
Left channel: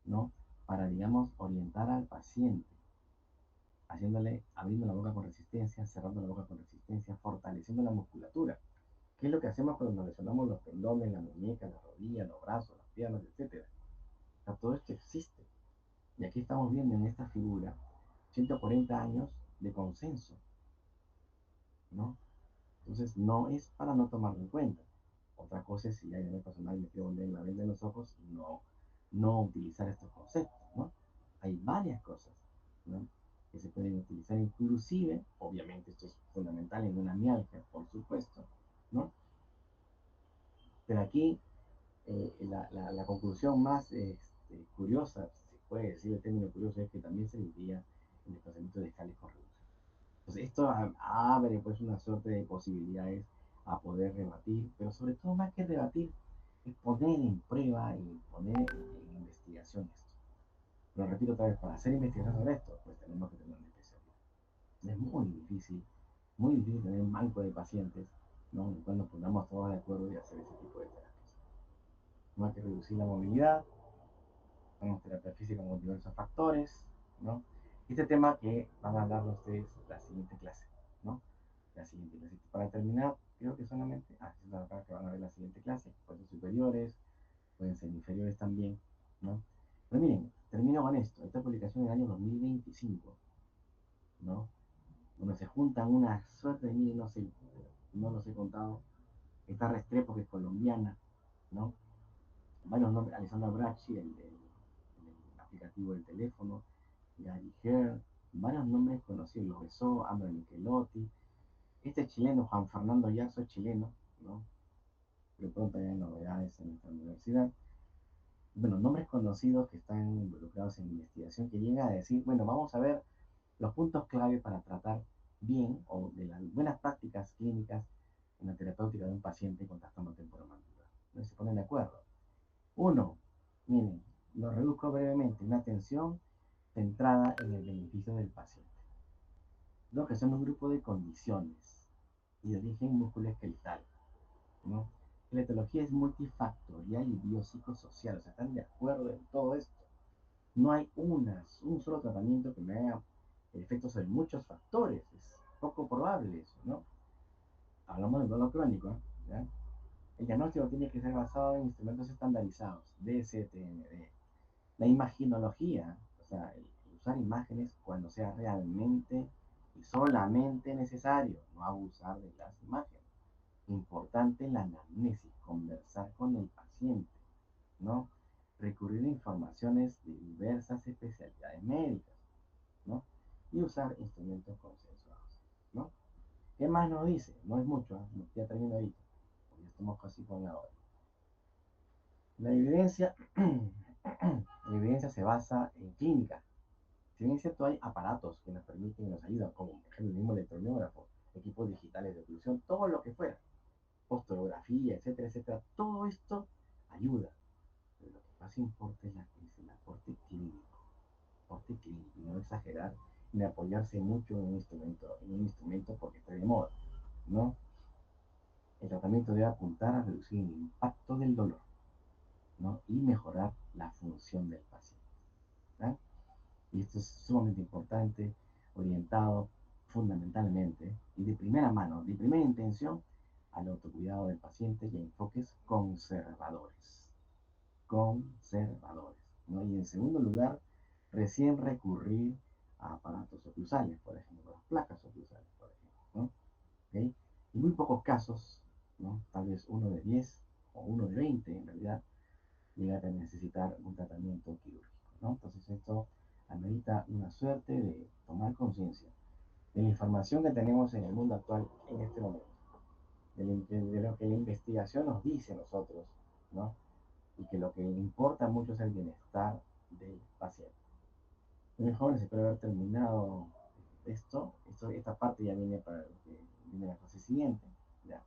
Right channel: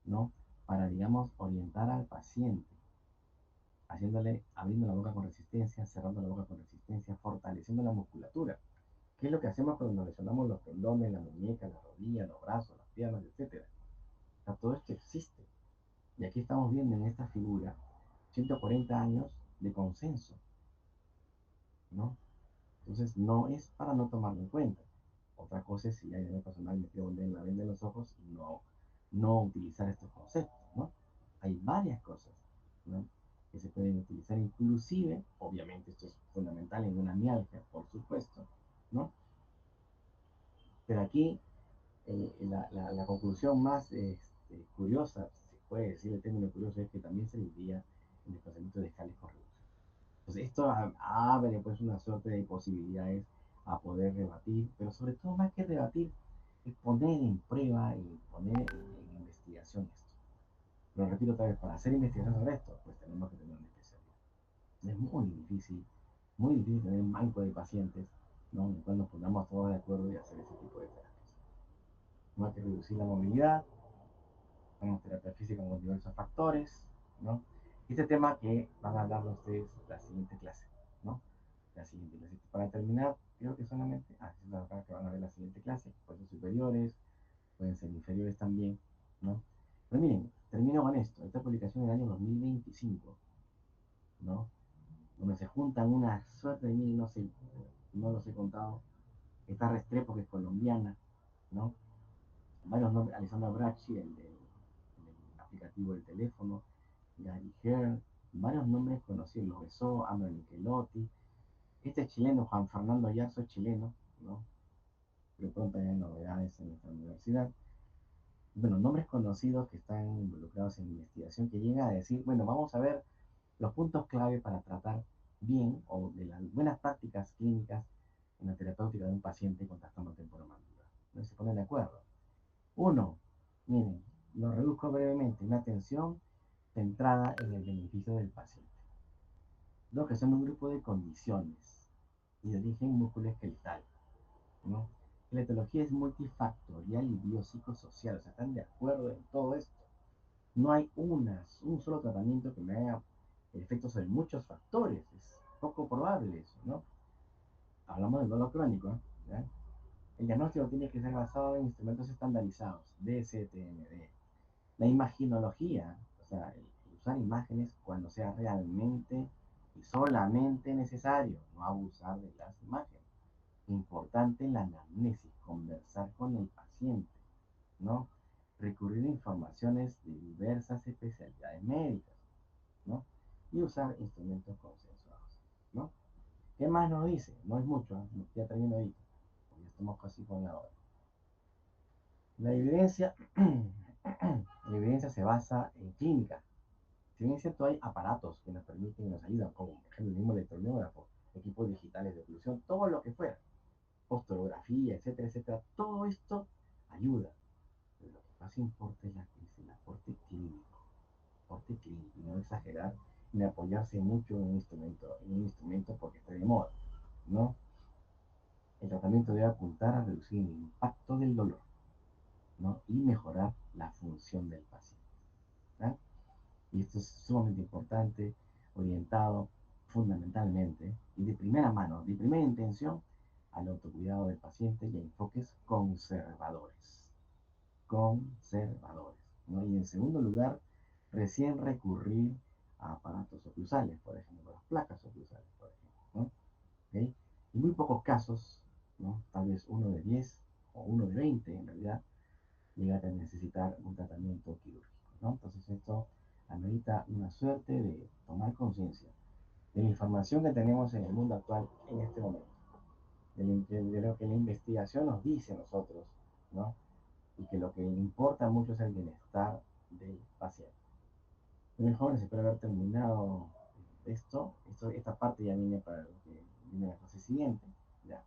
¿no? Para, digamos, orientar al paciente, abriendo la boca con resistencia, cerrando la boca con resistencia, fortaleciendo la musculatura. ¿Qué es lo que hacemos cuando nos lesionamos los tendones, la muñeca, la rodilla, los brazos, las piernas, etcétera? O sea, todo esto existe. Y aquí estamos viendo en esta figura 140 años de consenso, ¿no? Entonces, no es para no tomarlo en cuenta. Otra cosa es si hay una personal me quiero volver la venda en los ojos y no utilizar estos conceptos, ¿no? Hay varias cosas, ¿no? Que se pueden utilizar, inclusive, obviamente esto es fundamental en una mialgia, por supuesto, ¿no? Pero aquí la conclusión más curiosa, si se puede decir el término curioso, es que también se diría el desplazamiento de escales con reducción. Entonces, esto abre pues una suerte de posibilidades a poder rebatir, pero sobre todo más que rebatir, es poner en prueba y poner en investigación esto. Pero repito otra vez, para hacer investigación sobre esto, pues tenemos que tener una especialidad. Es muy difícil tener un banco de pacientes, ¿no? En el cual nos pongamos todos de acuerdo y hacer ese tipo de terapias. No hay que reducir la movilidad, tenemos terapia física con diversos factores, ¿no? Este tema que van a hablar ustedes la siguiente clase, ¿no? La siguiente clase. Para terminar, creo que solamente, es la verdad que van a ver la siguiente clase, pueden ser superiores, pueden ser inferiores también, 2005, ¿no? Donde se juntan una suerte de, no sé, no los he contado. Está Restrepo, que es colombiana, ¿no? Varios nombres, Alessandra Bracci, el aplicativo del teléfono, Gary Herr, varios nombres conocidos, los besó, Amber Michelotti, este chileno, Juan Fernando Yarzo, chileno, ¿no? Pero pronto hay novedades en esta universidad. Bueno, nombres conocidos que están involucrados en investigación que llega a decir, bueno, vamos a ver los puntos clave para tratar bien o de las buenas prácticas clínicas en la terapéutica de un paciente con trastorno temporomandibular. Entonces se ponen de acuerdo. Uno, miren, lo reduzco brevemente, una atención centrada en el beneficio del paciente. Dos, que son un grupo de condiciones y de origen musculoesqueletal, ¿no? La etología es multifactorial y biopsicosocial, o sea, están de acuerdo en todo esto. No hay un solo tratamiento que me haga efectos sobre muchos factores, es poco probable eso, ¿no? Hablamos del dolor crónico, ¿eh? ¿Ya? El diagnóstico tiene que ser basado en instrumentos estandarizados, DCTMD. La imaginología, o sea, el usar imágenes cuando sea realmente y solamente necesario, no abusar de las imágenes. Importante la anamnesis, conversar con el paciente, ¿no? Recurrir a informaciones de diversas especialidades médicas, ¿no? Y usar instrumentos consensuados, ¿no? ¿Qué más nos dice? No es mucho, ¿eh? Ya termino ahí, porque ya estamos casi con la hora. La evidencia, la evidencia se basa en clínica. Si bien es cierto, hay aparatos que nos permiten y nos ayudan, como por ejemplo el mismo electromiógrafo, equipos digitales de oclusión, todo lo que fuera, posterografía, etcétera, etcétera, todo esto ayuda. Pero lo que más importa es el aporte clínico, y no exagerar ni apoyarse mucho en un instrumento porque está de moda, ¿no? El tratamiento debe apuntar a reducir el impacto del dolor, ¿no? Y mejorar la función del paciente, ¿no? Y esto es sumamente importante, orientado fundamentalmente y de primera mano, de primera intención, al autocuidado del paciente y a enfoques conservadores. Conservadores, ¿no? Y en segundo lugar, recién recurrir a aparatos oclusales, por ejemplo, las placas oclusales, por ejemplo, ¿no? ¿Okay? En muy pocos casos, ¿no? Tal vez uno de 10 o uno de 20 en realidad, llega a necesitar un tratamiento quirúrgico, ¿no? Entonces esto amerita una suerte de tomar conciencia de la información que tenemos en el mundo actual en este momento, de lo que la investigación nos dice a nosotros, ¿no? Y que lo que importa mucho es el bienestar del paciente. Muy jóvenes, espero haber terminado esta parte ya viene para lo que viene la fase siguiente, ya.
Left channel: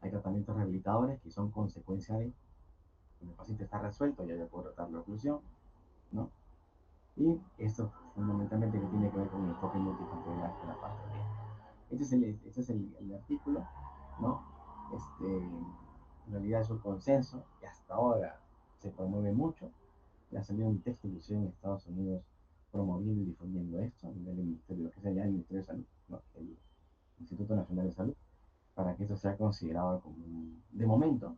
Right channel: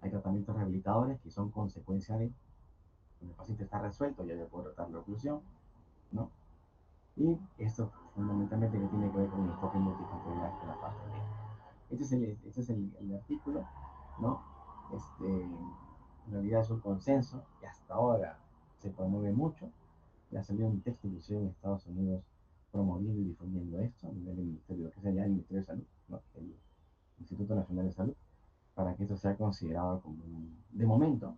Hay tratamientos rehabilitadores que son consecuencia de cuando el paciente está resuelto, ya puedo tratar la oclusión, ¿no? Y esto fundamentalmente que tiene que ver con el enfoque multifactorial de la parte B. Este es el artículo, ¿no? En realidad es un consenso que hasta ahora se promueve mucho. Ya salió un texto inclusive en Estados Unidos promoviendo y difundiendo esto a nivel del Ministerio, lo que sea ya el Ministerio de Salud, ¿no? El Instituto Nacional de Salud, para que esto sea considerado como de momento,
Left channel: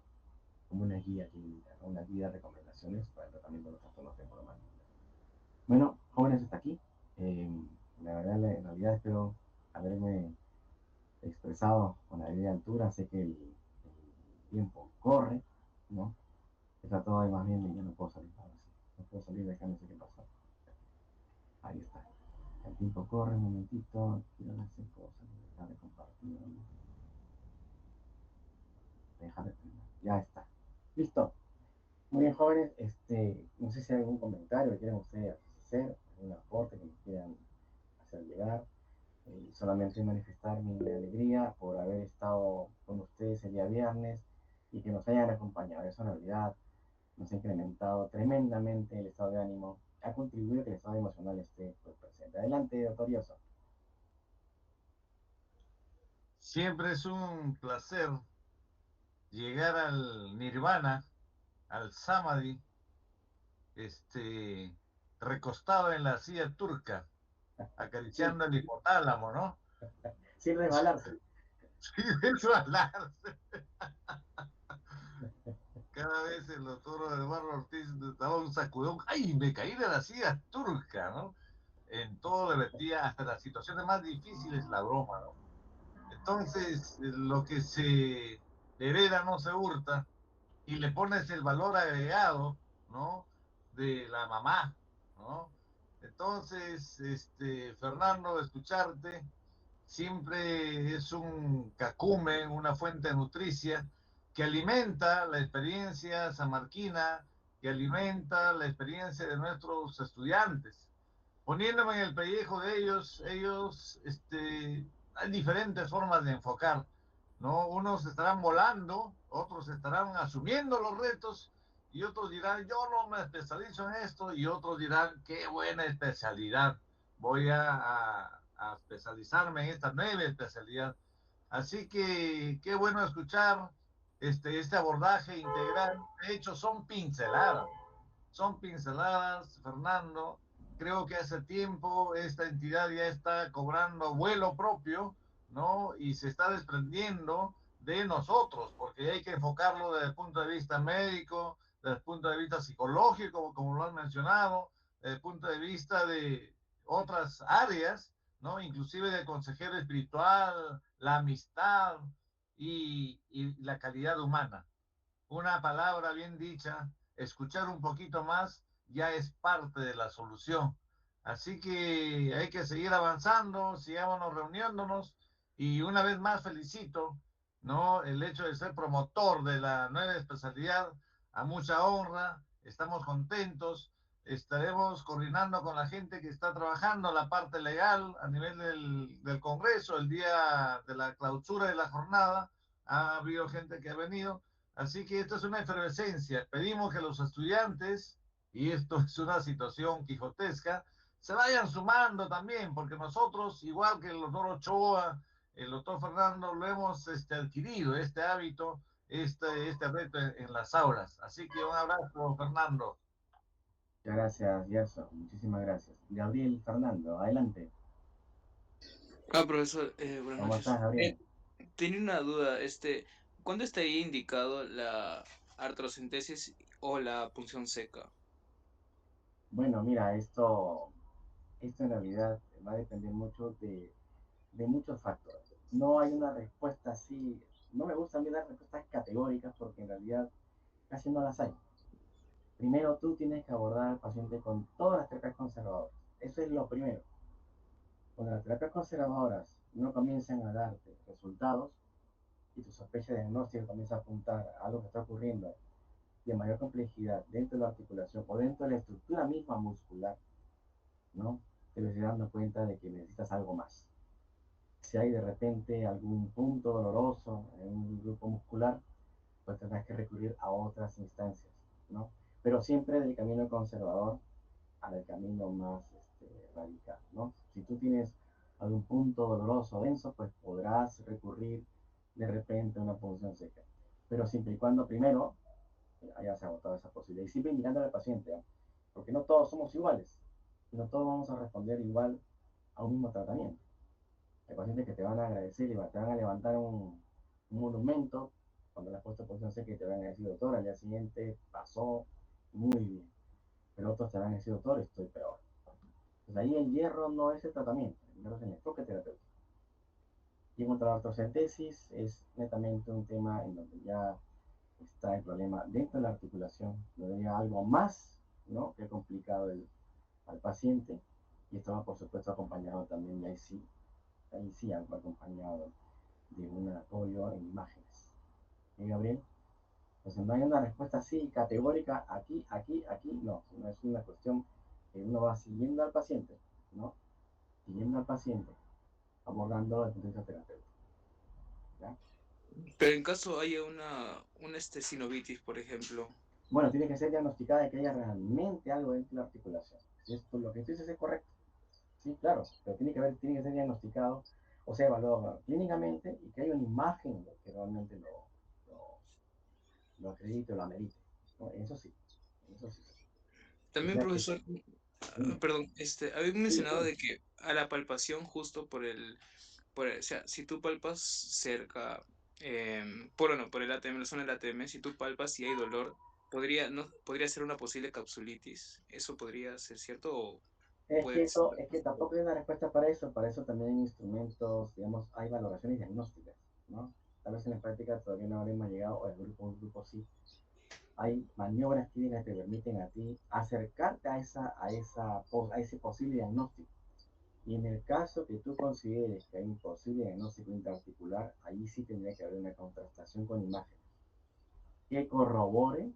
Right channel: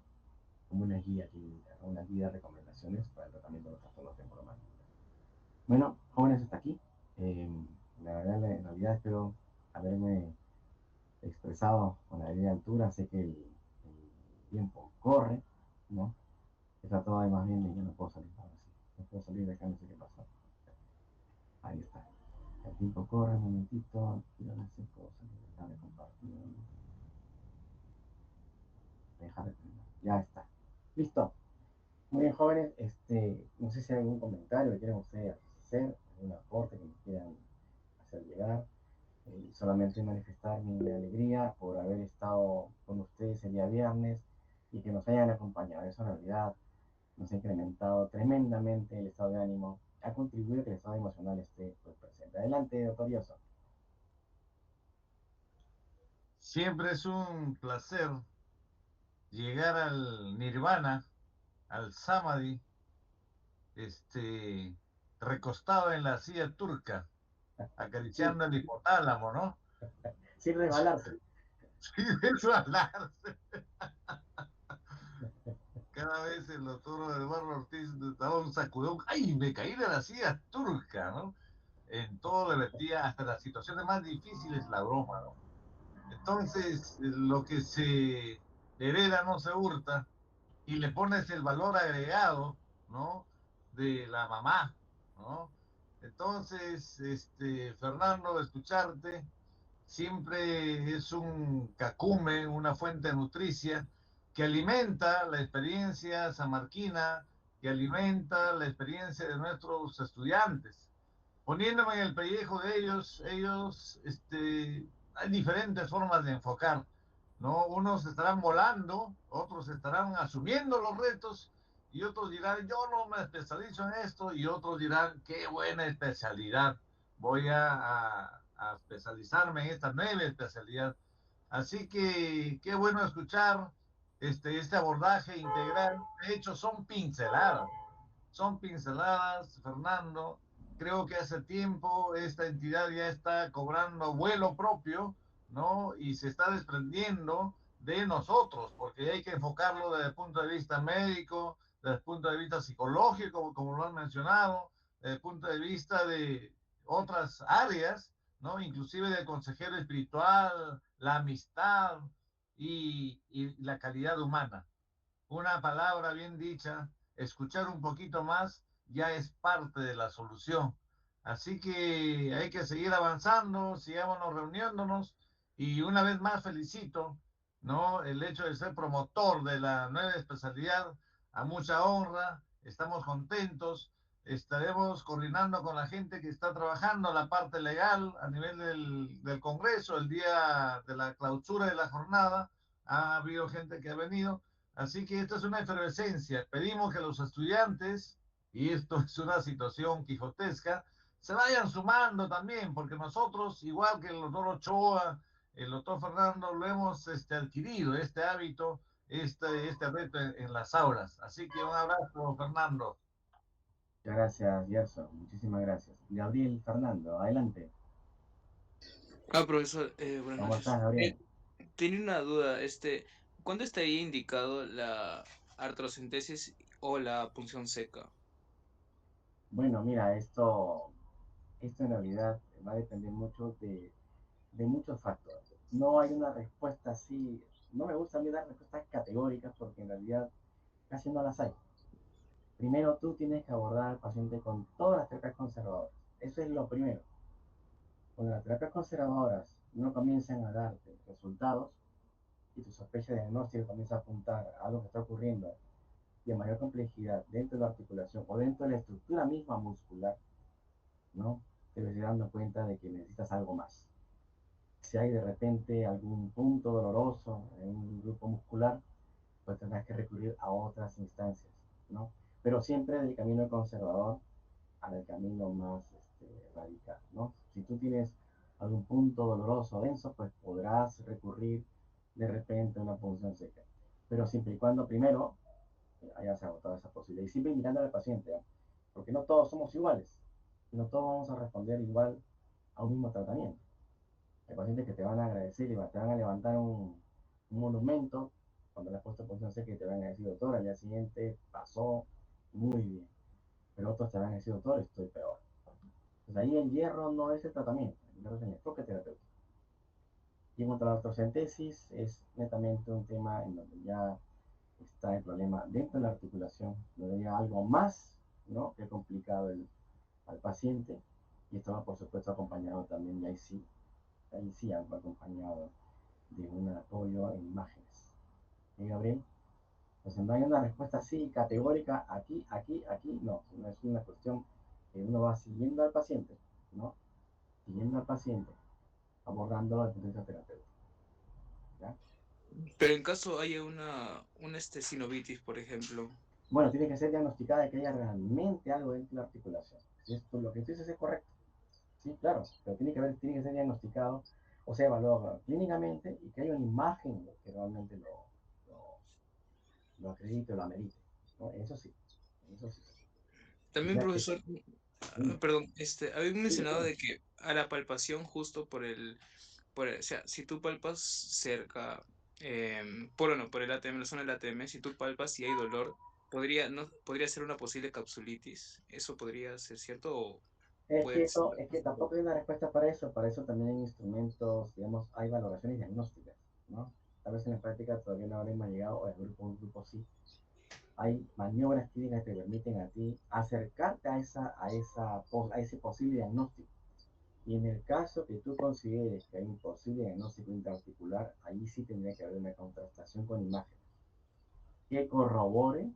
como una guía clínica, ¿no? Una guía de recomendaciones para el tratamiento de los trastornos temporales. Bueno, jóvenes, hasta aquí. Eh, la verdad, en realidad espero haberme expresado con la debida altura. Sé que el tiempo corre, ¿no? He tratado de más bien de ya no puedo salir ahora sí. No puedo salir de acá, no sé qué pasa. Ahí está. El tiempo corre, un momentito. Quiero hacer cosas. Dejar de compartir. Dejar de terminar. Ya está. Listo. Muy bien, jóvenes. No sé si hay algún comentario que quieran ustedes hacer, algún aporte que me quieran hacer llegar. Solamente manifestar mi alegría por haber estado con ustedes el día viernes y que nos hayan acompañado. Eso en realidad nos ha incrementado tremendamente el estado de ánimo, ha contribuido a que el estado emocional esté pues, presente. Adelante, doctor Yoso. Siempre es un placer llegar al nirvana, al samadhi, este, recostado en la silla turca, Sí, acariciando el hipotálamo, ¿no? sin resbalarse. Sin resbalarse, cada vez el doctor Eduardo Ortiz daba un sacudón. ¡Ay, me caí de la silla turca!, ¿no? En todo le metía, hasta las situaciones más difíciles, la broma, ¿no? Entonces, lo que se hereda no se hurta, y le pones el valor agregado, ¿no? De la mamá, ¿no? Entonces, Fernando, escucharte siempre es un cacumen, una fuente nutricia que alimenta la experiencia samarquina, que alimenta la experiencia de nuestros estudiantes. Poniéndome en el pellejo de ellos, hay diferentes formas de enfocar, ¿no? Unos estarán volando, otros estarán asumiendo los retos y otros dirán, yo no me especializo en esto, y otros dirán, qué buena especialidad, voy a especializarme en esta nueva especialidad. Así que qué bueno escuchar este abordaje integral. De hecho, son pinceladas, Fernando. Creo que hace tiempo esta entidad ya está cobrando vuelo propio, ¿no? Y se está desprendiendo de nosotros, porque hay que enfocarlo desde el punto de vista médico, desde el punto de vista psicológico, como lo han mencionado, desde el punto de vista de otras áreas, ¿no? Inclusive del consejero espiritual, la amistad y la calidad humana. Una palabra bien dicha, escuchar un poquito más, ya es parte de la solución. Así que hay que seguir avanzando, sigámonos reuniéndonos, y una vez más felicito, ¿no? El hecho de ser promotor de la nueva especialidad, a mucha honra, estamos contentos, estaremos coordinando con la gente que está trabajando la parte legal a nivel del Congreso. El día de la clausura de la jornada ha habido gente que ha venido. Así que esto es una efervescencia. Pedimos que los estudiantes, y esto es una situación quijotesca, se vayan sumando también, porque nosotros, igual que el doctor Ochoa, el doctor Fernando, lo hemos adquirido, este hábito, este reto en las aulas. Así que un abrazo, Fernando. Muchas gracias, Gerson. Muchísimas gracias. Gabriel Fernando, adelante. Profesor, buenas ¿Cómo estás, noches. Gabriel? Tenía una duda, ¿cuándo estaría indicado la artrocentesis o la punción seca? Bueno, mira, esto en realidad va a depender mucho de muchos factores. No hay una respuesta así, no me gusta a mí dar respuestas categóricas porque en realidad casi no las hay. Primero tú tienes que abordar al paciente con todas las terapias conservadoras. Eso es lo primero. Cuando las terapias conservadoras no comienzan a darte resultados y tu sospecha de diagnóstico comienza a apuntar a algo que está ocurriendo de mayor complejidad dentro de la articulación o dentro de la estructura misma muscular, ¿no? Te vas dando cuenta de que necesitas algo más. Si hay de repente algún punto doloroso en un grupo muscular, pues tendrás que recurrir a otras instancias, ¿no? Pero siempre del camino conservador al camino más radical, ¿no? Si tú tienes algún punto doloroso denso, pues podrás recurrir de repente a una punción seca. Pero siempre y cuando primero hayas agotado esa posibilidad. Y siempre mirando al paciente, ¿eh? Porque no todos somos iguales. No todos vamos a responder igual a un mismo tratamiento. Hay pacientes que te van a agradecer y te van a levantar un monumento cuando le has puesto posición seca y te van a decir, doctor, al día siguiente pasó muy bien. Pero otros te van a decir, doctor, estoy peor. Pues ahí el hierro no es el tratamiento, el hierro es el enfoque terapéutico. Y en cuanto a la ortocentesis, es netamente un tema en donde ya está el problema dentro de la articulación, donde hay algo más, ¿no?, que ha complicado al paciente, y esto va por supuesto acompañado también, y ahí sí algo acompañado de un apoyo en imágenes. ¿Y Gabriel? Pues no hay una respuesta así categórica, aquí, no, sino es una cuestión que uno va siguiendo al paciente, ¿no? Siguiendo al paciente, abordando el punto de vista terapéutico, ¿ya? Pero en caso haya una sinovitis, por ejemplo. Bueno, tiene que ser diagnosticada de que haya realmente algo dentro de la articulación. Si esto, lo que tú dices es correcto, sí, claro, pero tiene que ser diagnosticado, o sea, evaluado clínicamente, y que haya una imagen que realmente lo, lo acredite o lo amerite, ¿no? Eso sí. O También, sea que, profesor, sí, perdón, había sí, mencionado sí. de que a la palpación justo o sea, si tú palpas cerca por el ATM, la zona del ATM, si tú palpas y hay dolor, no, podría ser una posible capsulitis. ¿Eso podría ser cierto o puede ser Es que otro? tampoco hay una respuesta para eso también hay instrumentos, digamos, hay valoraciones diagnósticas, ¿no? Tal vez en la práctica todavía no habremos llegado, o el grupo sí. Hay maniobras clínicas que te permiten a ti acercarte a ese posible diagnóstico. Y en el caso que tú consideres que hay un posible diagnóstico intraarticular, ahí sí tendría que haber una contrastación con imágenes que corrobore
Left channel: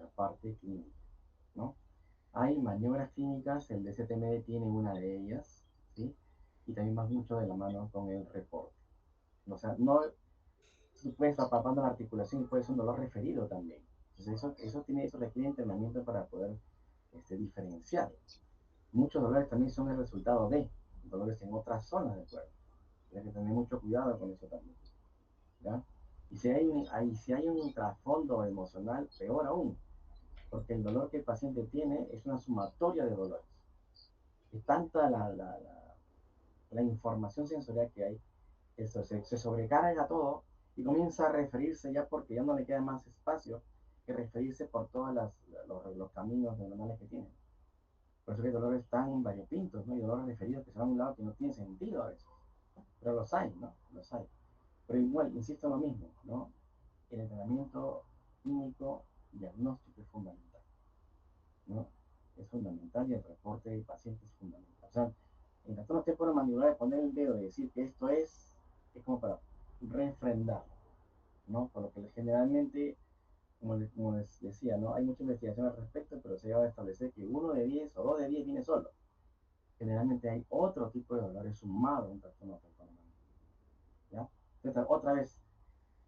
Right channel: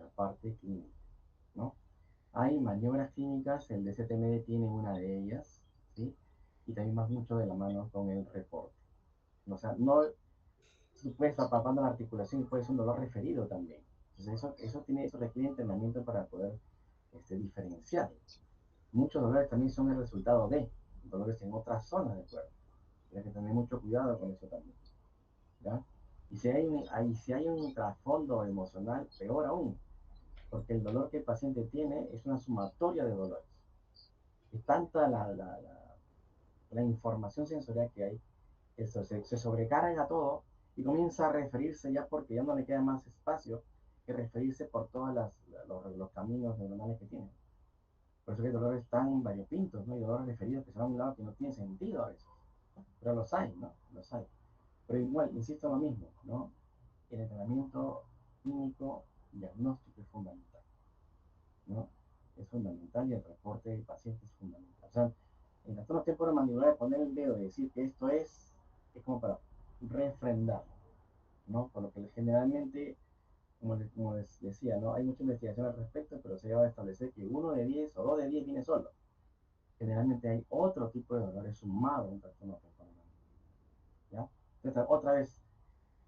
la parte clínica, ¿no? Hay maniobras clínicas, el DCTMD tiene una de ellas, ¿sí? Y también va mucho de la mano con el reporte. O sea, no, tú puedes estar palpando la articulación y puede ser un dolor referido también. Entonces, eso requiere entrenamiento para poder diferenciar. Muchos dolores también son el resultado de dolores en otras zonas del cuerpo. Tienes que tener mucho cuidado con eso también, ¿ya? Y si hay un trasfondo emocional, peor aún, porque el dolor que el paciente tiene es una sumatoria de dolores. Es tanta la información sensorial que hay, eso se sobrecarga todo y comienza a referirse ya porque ya no le queda más espacio que referirse por todos los caminos neuronales que tiene. Por eso que hay dolores tan variopintos, ¿no? Hay dolores referidos que se van a un lado que no tiene sentido a veces. Pero los hay, ¿no? Los hay. Pero igual, insisto en lo mismo, ¿no? El entrenamiento clínico diagnóstico es fundamental, ¿no? Es fundamental y el reporte del paciente es fundamental. O sea, en trastornos temporomandibular poner el dedo y decir que esto es como para refrendar, ¿no? Por lo que generalmente, como les decía, ¿no? Hay mucha investigación al respecto, pero se ha llegado a establecer que 1 de 10 o 2 de 10 viene solo. Generalmente hay otro tipo de dolores sumados en trastorno temporomandibular, ¿ya? Entonces, otra vez,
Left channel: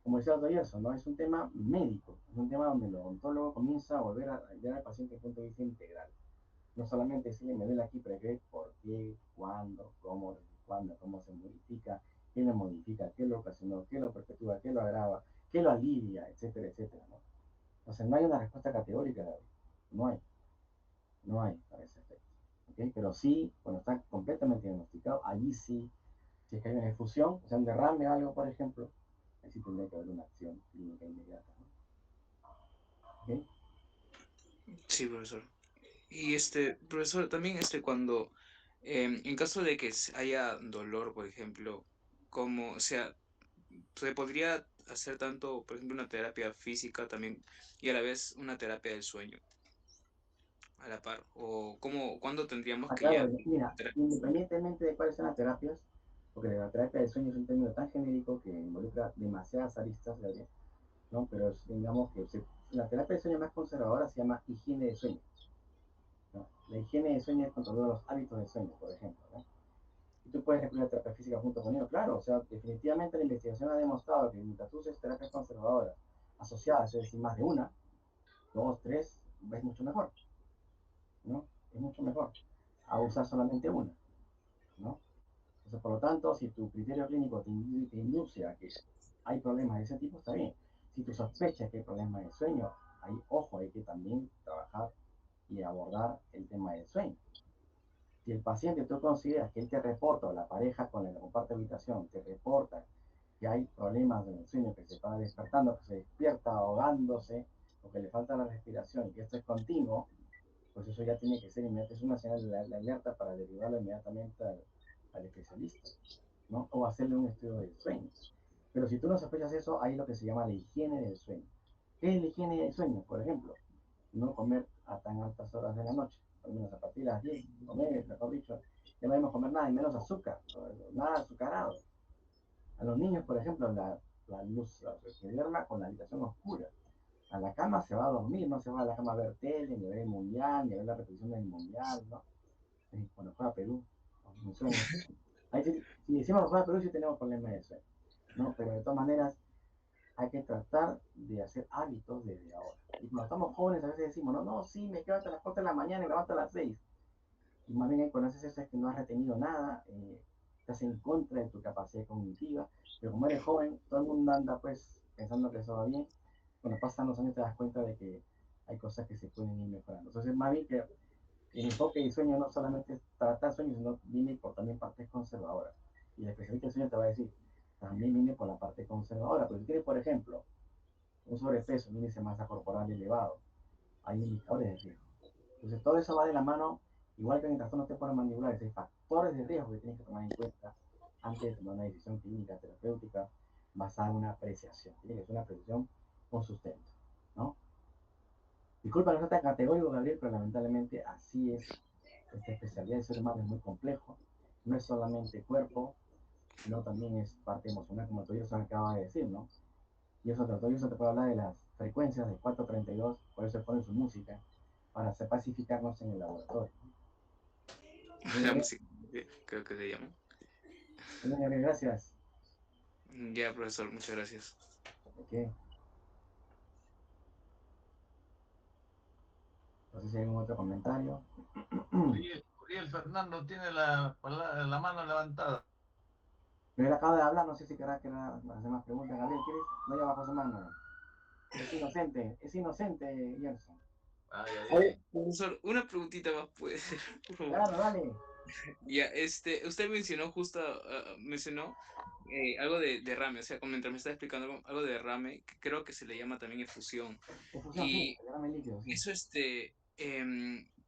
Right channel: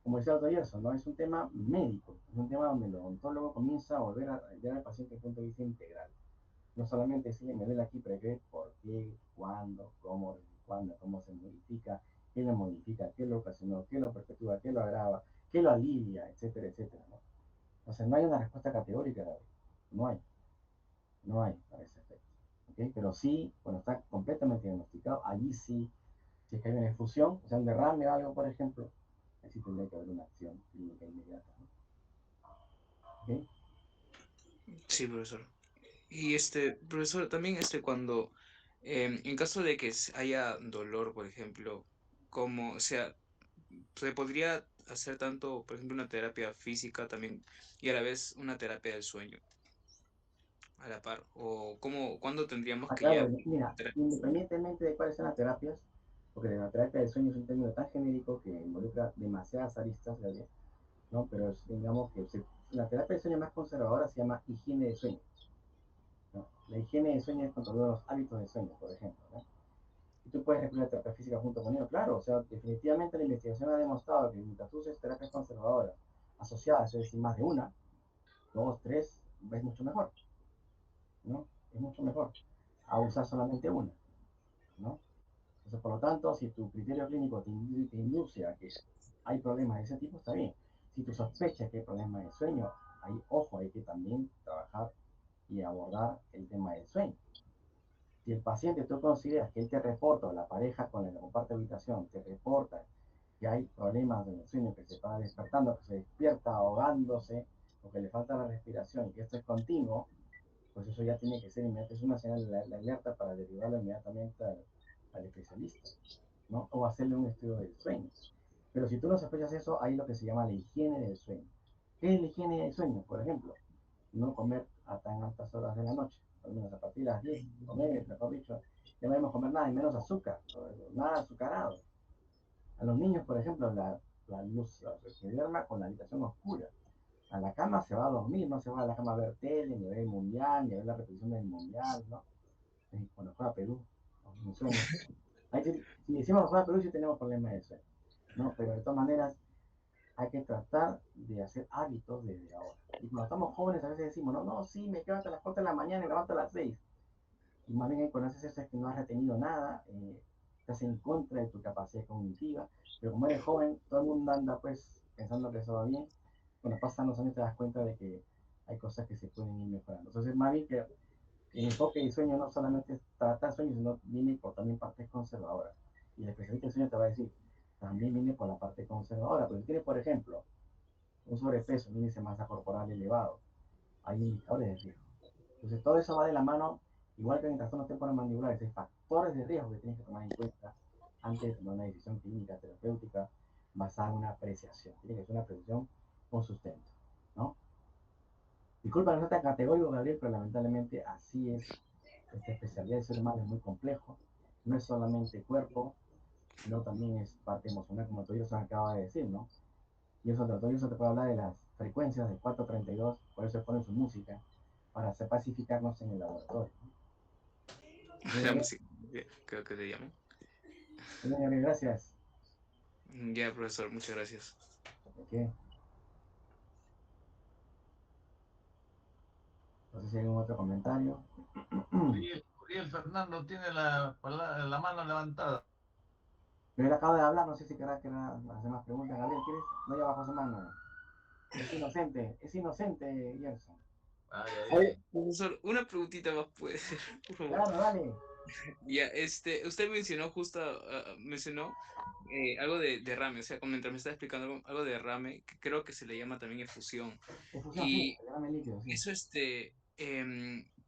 como decía el doctor Gerson, ¿no? Es un tema médico, es un tema donde el odontólogo comienza a volver a ver al paciente desde el punto de vista integral. No solamente decirle, me duele aquí, pero qué, por qué, cuándo, cómo, desde cuándo, cómo se modifica, qué lo modifica, qué lo ocasionó, qué lo perpetúa, qué lo agrava, qué lo alivia, etcétera, etcétera, ¿no? O sea, no hay una respuesta categórica, David. No hay, no hay para ese efecto. ¿Okay? Pero sí, cuando está completamente diagnosticado, allí sí, si es que hay una infusión, o sea, un derrame o algo, por ejemplo, ahí sí tendría que haber una acción clínica inmediata, ¿no? ¿Okay? Sí, profesor. Y profesor, también cuando, en caso de que haya dolor, por ejemplo, como, o sea, se podría hacer tanto, por ejemplo, una terapia física también y a la vez una terapia del sueño a la par, o cuándo tendríamos Ah, que ya claro, mira, independientemente de cuáles sean las terapias, porque la terapia del sueño es un término tan genérico que involucra demasiadas aristas, Gabriel, ¿no? Pero digamos que la terapia del sueño más conservadora se llama higiene de sueño, ¿no? La higiene de sueño es controlar los hábitos de sueño, por ejemplo, ¿no? Y tú puedes recurrir a terapia física junto con ello, claro, o sea, definitivamente la investigación ha demostrado que mientras tú uses terapias conservadoras asociadas, es decir, más de una, dos, tres, es mucho mejor, ¿no? Es mucho mejor a usar solamente una, ¿no? Entonces, por lo tanto, si tu criterio clínico te induce a que hay problemas de ese tipo, está bien. Si tú sospechas que hay problemas de sueño, ojo, hay que también trabajar y abordar el tema del sueño. Si el paciente tú consideras que él te reporta, o la pareja con la que comparte habitación, te reporta que hay problemas en el sueño, que se está despertando, que se despierta ahogándose, o que le falta la respiración, y que esto es continuo, pues eso ya tiene que ser inmediato, es una señal de alerta para derivarlo inmediatamente al especialista, ¿no? O hacerle un estudio del sueño. Pero si tú no sospechas eso, hay lo que se llama la higiene del sueño. ¿Qué es la higiene del sueño? Por ejemplo, no comer a tan altas horas de la noche, al menos a partir de las 10, comer, mejor dicho, ya no debemos comer nada y menos azúcar, nada azucarado. A los niños, por ejemplo, la luz, que duerma con la habitación oscura. A la cama se va a dormir, no se va a la cama a ver tele, ni a ver el mundial, ni a ver la repetición del mundial, ¿no? Cuando juega Perú, ¿no? Me sueño. Ahí si decimos juega Perú, sí tenemos problemas de sueño, ¿no? Pero de todas maneras, hay que tratar de hacer hábitos desde ahora. Y cuando estamos jóvenes, a veces decimos, no, no, sí, me quedo hasta las 4 de la mañana y me levanto a las 6. Y más bien cuando haces eso es que no has retenido nada, estás en contra de tu capacidad cognitiva, pero como eres joven, todo el mundo anda pues pensando que eso va bien. Cuando pasan los años te das cuenta de que hay cosas que se pueden ir mejorando. Entonces, más bien que el enfoque del sueño no solamente es tratar sueños, sino viene por también partes conservadoras. Y el especialista del sueño te va a decir, también viene por la parte conservadora. Pero si tiene, por ejemplo, un sobrepeso, un índice de masa corporal elevado, hay indicadores de riesgo. Entonces, todo eso va de la mano, igual que en el trastorno temporomandibular, hay factores de riesgo que tienes que tomar en cuenta antes de tomar una decisión clínica, terapéutica, basada en una apreciación. Tiene que ser una apreciación con sustento, ¿no? Disculpa que no sea categórico, Gabriel, pero lamentablemente así es. Esta especialidad de ser humano es muy complejo. No es solamente cuerpo, sino también es parte emocional, como tú se acaba de decir, ¿no? Y eso te puede hablar de las frecuencias de 432, por eso pone su música, para hacer pacificarnos en el laboratorio. La música, creo que le llamo. Gracias. Ya, profesor, muchas gracias. ¿De No sé si hay algún otro comentario. Uriel Fernando tiene la mano levantada. Pero él acaba de hablar, no sé si querrá hacer más preguntas. Gabriel, ¿quieres? No, ya bajó su mano. Es inocente, Gerson. Oye, profesor, una preguntita más puede ser, por favor. Claro, dale. Ya, usted mencionó mencionó algo de rame, o sea, mientras me está explicando algo de rame, que creo que se le llama también efusión. Efusión, Y sí, el líquido, sí. eso,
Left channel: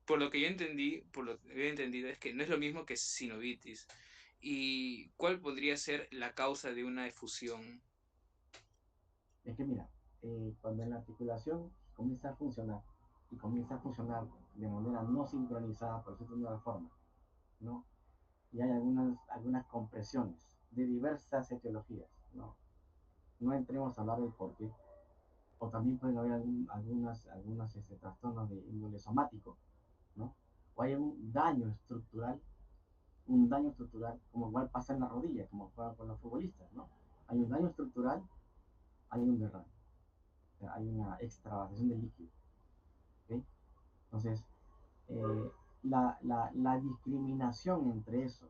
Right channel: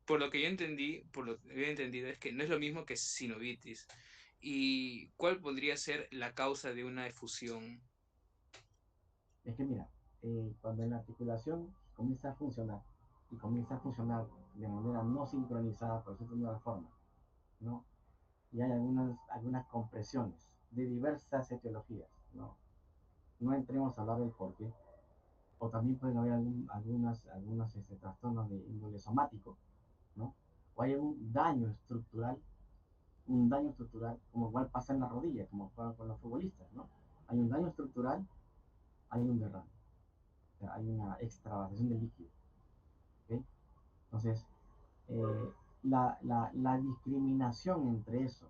por lo que yo entendí, por lo que he entendido, es que no es lo mismo que sinovitis. ¿Y cuál podría ser la causa de una efusión? Es que mira, cuando la articulación comienza a funcionar y comienza a funcionar de manera no sincronizada, por decirlo de una forma, ¿no? Y hay algunas compresiones de diversas etiologías, ¿no? No entremos a hablar del porqué, o también pueden haber algunos trastornos de índole somático, ¿no? O hay un daño estructural, como igual pasa en la rodilla, como pasa con los futbolistas, ¿no? Hay un daño estructural, hay un derrame, o sea, hay una extravasación de líquido, ¿ok? Entonces, eh, la discriminación entre eso,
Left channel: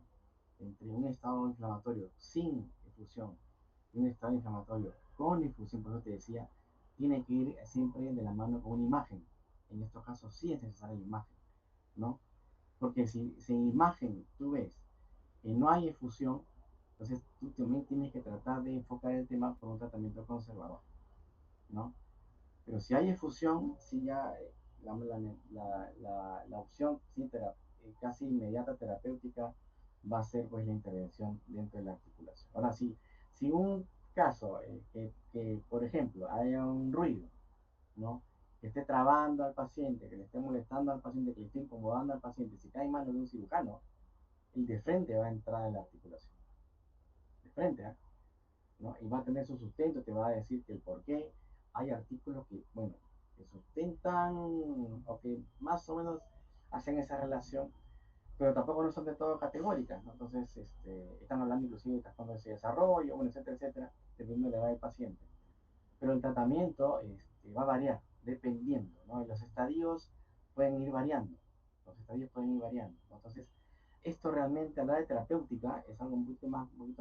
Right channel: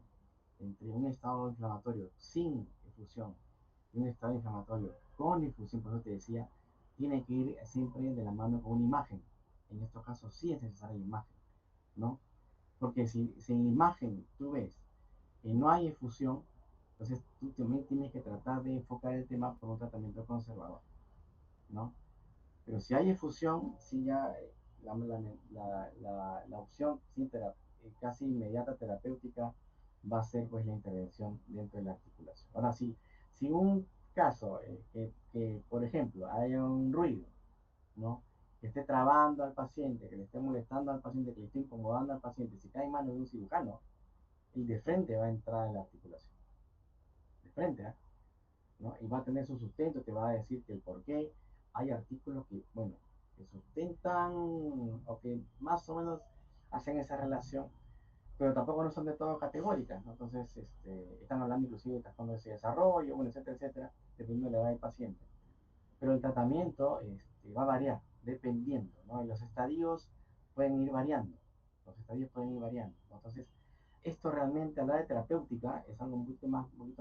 entre un estado inflamatorio sin efusión y un estado inflamatorio con efusión, por eso te decía, tiene que ir siempre de la mano con una imagen. En estos casos sí es necesaria la imagen, ¿no? Porque si en imagen tú ves que no hay efusión, entonces tú también tienes que tratar de enfocar el tema por un tratamiento conservador, ¿no? Pero si hay efusión, sí ya la opción sí, casi inmediata terapéutica va a ser pues la intervención dentro de la articulación. Ahora sí, si un caso que, por ejemplo, haya un ruido, ¿no? Que esté trabando al paciente, que le esté molestando al paciente, que le esté incomodando al paciente, si cae en manos de un cirujano, el de frente va a entrar en la articulación. De frente, ¿eh? ¿No? Y va a tener su sustento, te va a decir que el por qué. Hay artículos que, bueno, que sustentan o que más o menos hacen esa relación, pero tampoco no son de todo categóricas, ¿no? Entonces, están hablando inclusive de trastornos de desarrollo, bueno, etcétera, etcétera, dependiendo de la edad del paciente. Pero el tratamiento va a variar, dependiendo, ¿no? Y los estadios pueden ir variando, ¿no? Entonces, esto realmente a la de terapéutica es algo un poquito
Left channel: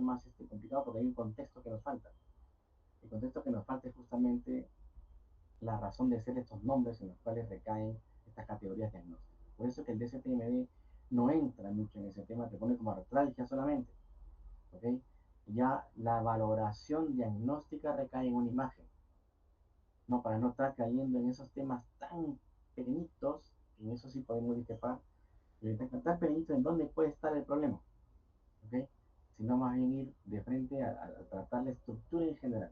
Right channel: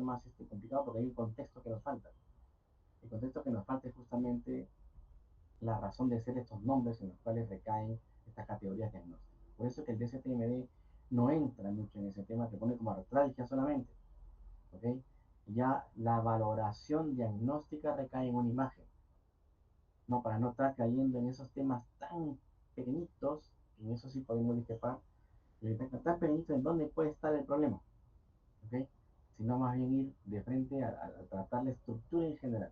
más complicado porque hay un contexto que nos falta. El contexto que nos falta es justamente la razón de ser estos nombres en los cuales recaen estas categorías diagnósticas. Por eso que el DSTMD no entra mucho en ese tema, te pone como artralgia solamente, ¿ok? Ya la valoración diagnóstica recae en una imagen, no para no estar cayendo en esos temas tan pequeñitos, en eso sí podemos discrepar, tan pequeñitos en dónde puede estar el problema, ¿ok? Sino más bien ir de frente a tratar la estructura en general,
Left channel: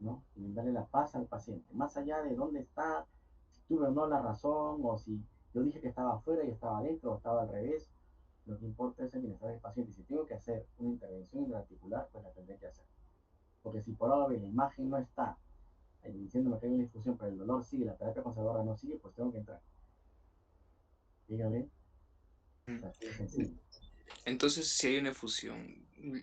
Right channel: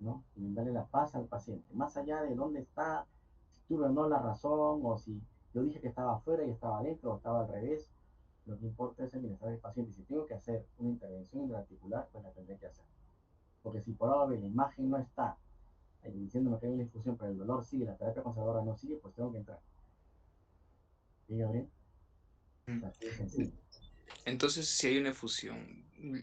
¿no? Y darle la paz al paciente, más allá de dónde está, si tuve o no la razón, o si yo dije que estaba afuera y estaba adentro, o estaba al revés, lo que importa es el bienestar del paciente. Y si tengo que hacer una intervención intraarticular, pues la tendré que hacer. Porque si por ahora la imagen no está diciéndome que hay una infusión, pero el dolor sigue, la terapia conservadora no sigue, pues tengo que entrar. ¿Sí, Gabriel? O sea, así de sencillo. Entonces, si hay una efusión,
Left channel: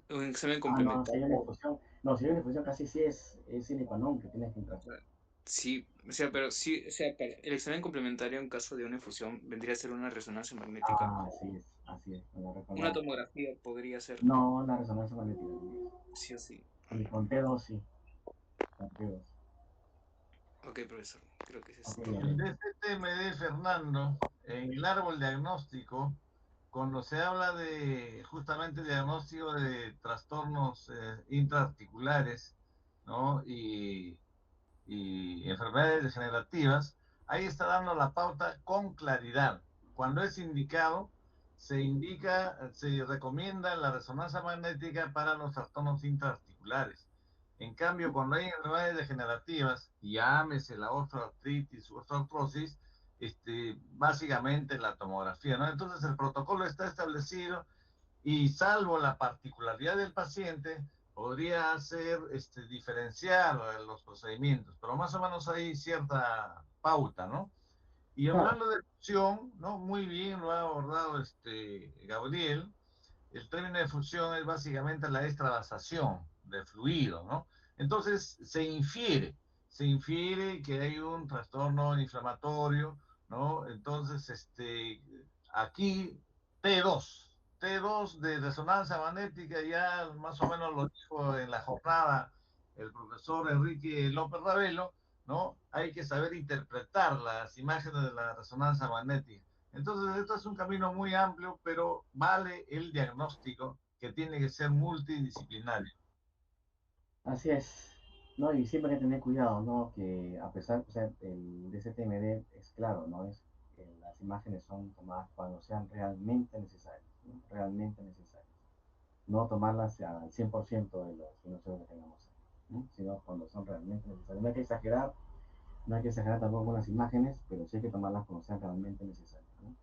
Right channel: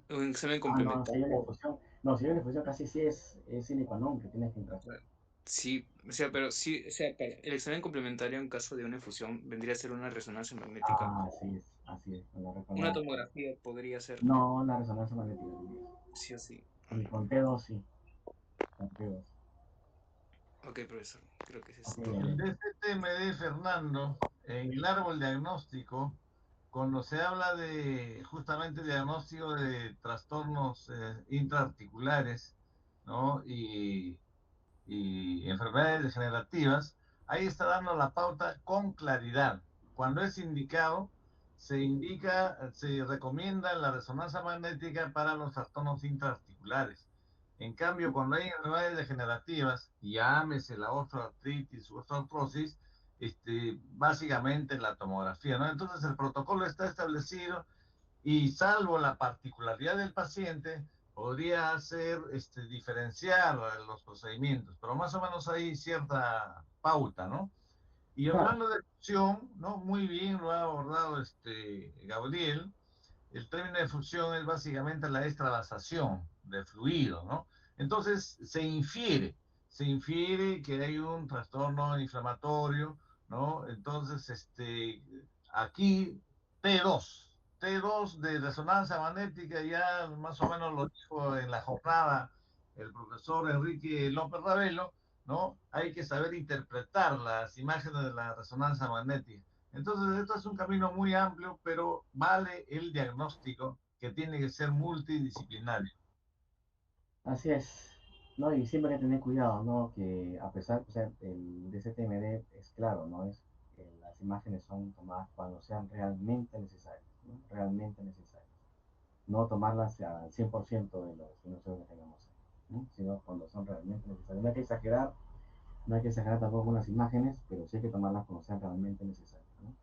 un examen No, si hay una complementario. infusión, no, si hay una infusión casi sí es sine qua non que tienes que entrar. Sí, o sea, pero sí, o sea, el examen complementario en caso de una infusión vendría a ser una resonancia magnética. Así es, con la Una resonancia. tomografía podría ser, No, la resonancia magnética. sí o sí. Y con T2 sí, con T2. Ok, profesor, creo que es Ok, El Gabriel. DCTMD, Fernando, en el árbol diagnóstico, cuando se habla de justamente diagnóstico de trastornos intraarticulares, ¿no? Y enfermedades degenerativas, ahí está dando la pauta con claridad. Cuando es indicado, se recomienda la resonancia magnética para los trastornos intraarticulares. En cambio, cuando hay enfermedades degenerativas, llámese la osteoartritis u osteoartrosis, básicamente la tomografía, ¿no? Entonces el protocolo está establecido y salvo la particularidad del paciente, podría ser diferenciar los procedimientos, pero más o menos hay cierta pauta, ¿no? Y Claro, hablando de fusión, ¿no? Muy bien lo ha abordado Gabriel. El término de fusión es básicamente la extravasación de fluido, ¿no? Entonces se infiere que hay un trastorno inflamatorio, ¿no? Entonces, aquí T2, T2 de resonancia magnética, ya más o menos lo dijo en la jornada el profesor Enrique López Ravelo, ¿no? Hay que saber interpretar las imágenes de la resonancia magnética. Entonces, esto es un camino muy amplio, pero vale el diagnóstico que tiene que ser multidisciplinario. así es. No, y siempre hay que tener cuidado, ¿no? Que a pesar, o sea, el DCTMD es claro, ¿no? Es, las imágenes son tomadas cuando sean realmente necesarias, ¿no? Realmente necesarias. No tomarlas al 100% de los minutos que tengamos, ¿no? Sino cuando son realmente necesarias. No hay que exagerar, no hay que exagerar tampoco con las imágenes, pero sí hay que tomarlas cuando sean realmente necesarias, ¿no?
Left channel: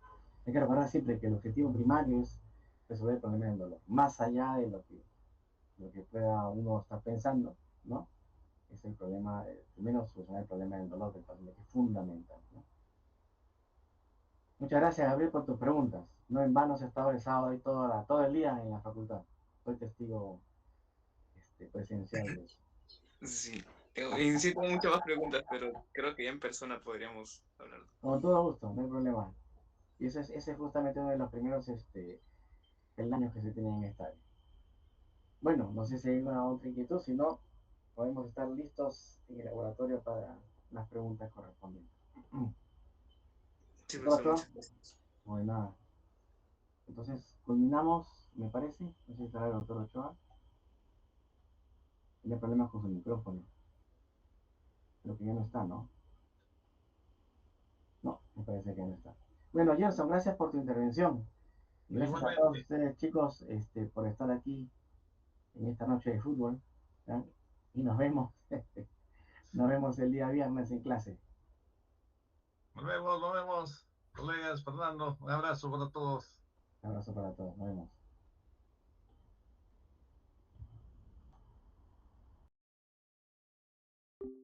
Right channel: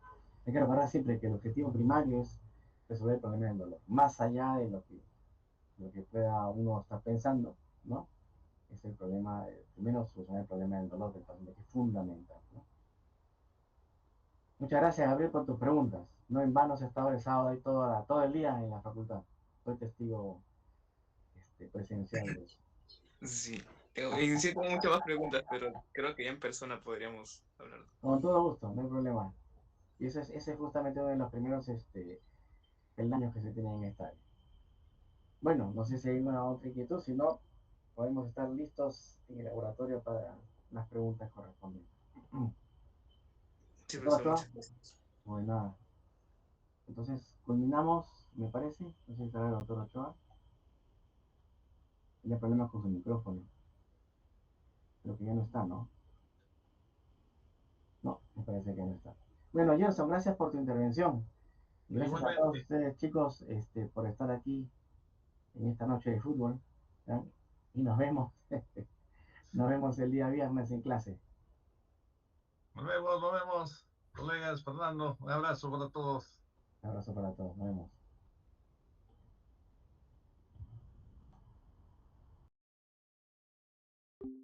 Hay que recordar siempre que el objetivo primario es resolver el problema del dolor, más allá de lo que pueda uno estar pensando, ¿no? Es el problema, primero solucionar el problema del dolor del paciente, que es fundamental, ¿no? Muchas gracias, Gabriel, por tus preguntas. No en vano se ha estado el sábado y todo el día en la facultad. Soy testigo presencial de eso. Sí. En sí tengo muchas más preguntas, pero creo que ya en persona podríamos hablar. Con todo gusto, no hay problema. Y ese es justamente uno de los primeros peldaños que se tienen en esta área. Bueno, no sé si hay una otra inquietud, si no, podemos estar listos en el laboratorio para las preguntas correspondientes. Sí, ¿Doctor profesor, Ochoa? muchas gracias. No hay nada. Entonces, culminamos, me parece. No sé si estará el doctor Ochoa. Tiene problemas con su micrófono. Creo que ya no está, ¿no? No, me parece que ya no está. Bueno, Gerson, gracias por tu intervención. Y gracias a todos Igualmente, ustedes, chicos, por estar aquí en esta noche de fútbol. ¿Ya? Y nos vemos. Nos vemos el día viernes en clase. nos vemos, colegas, Fernando, un abrazo para todos. Un abrazo para todos. Nos vemos.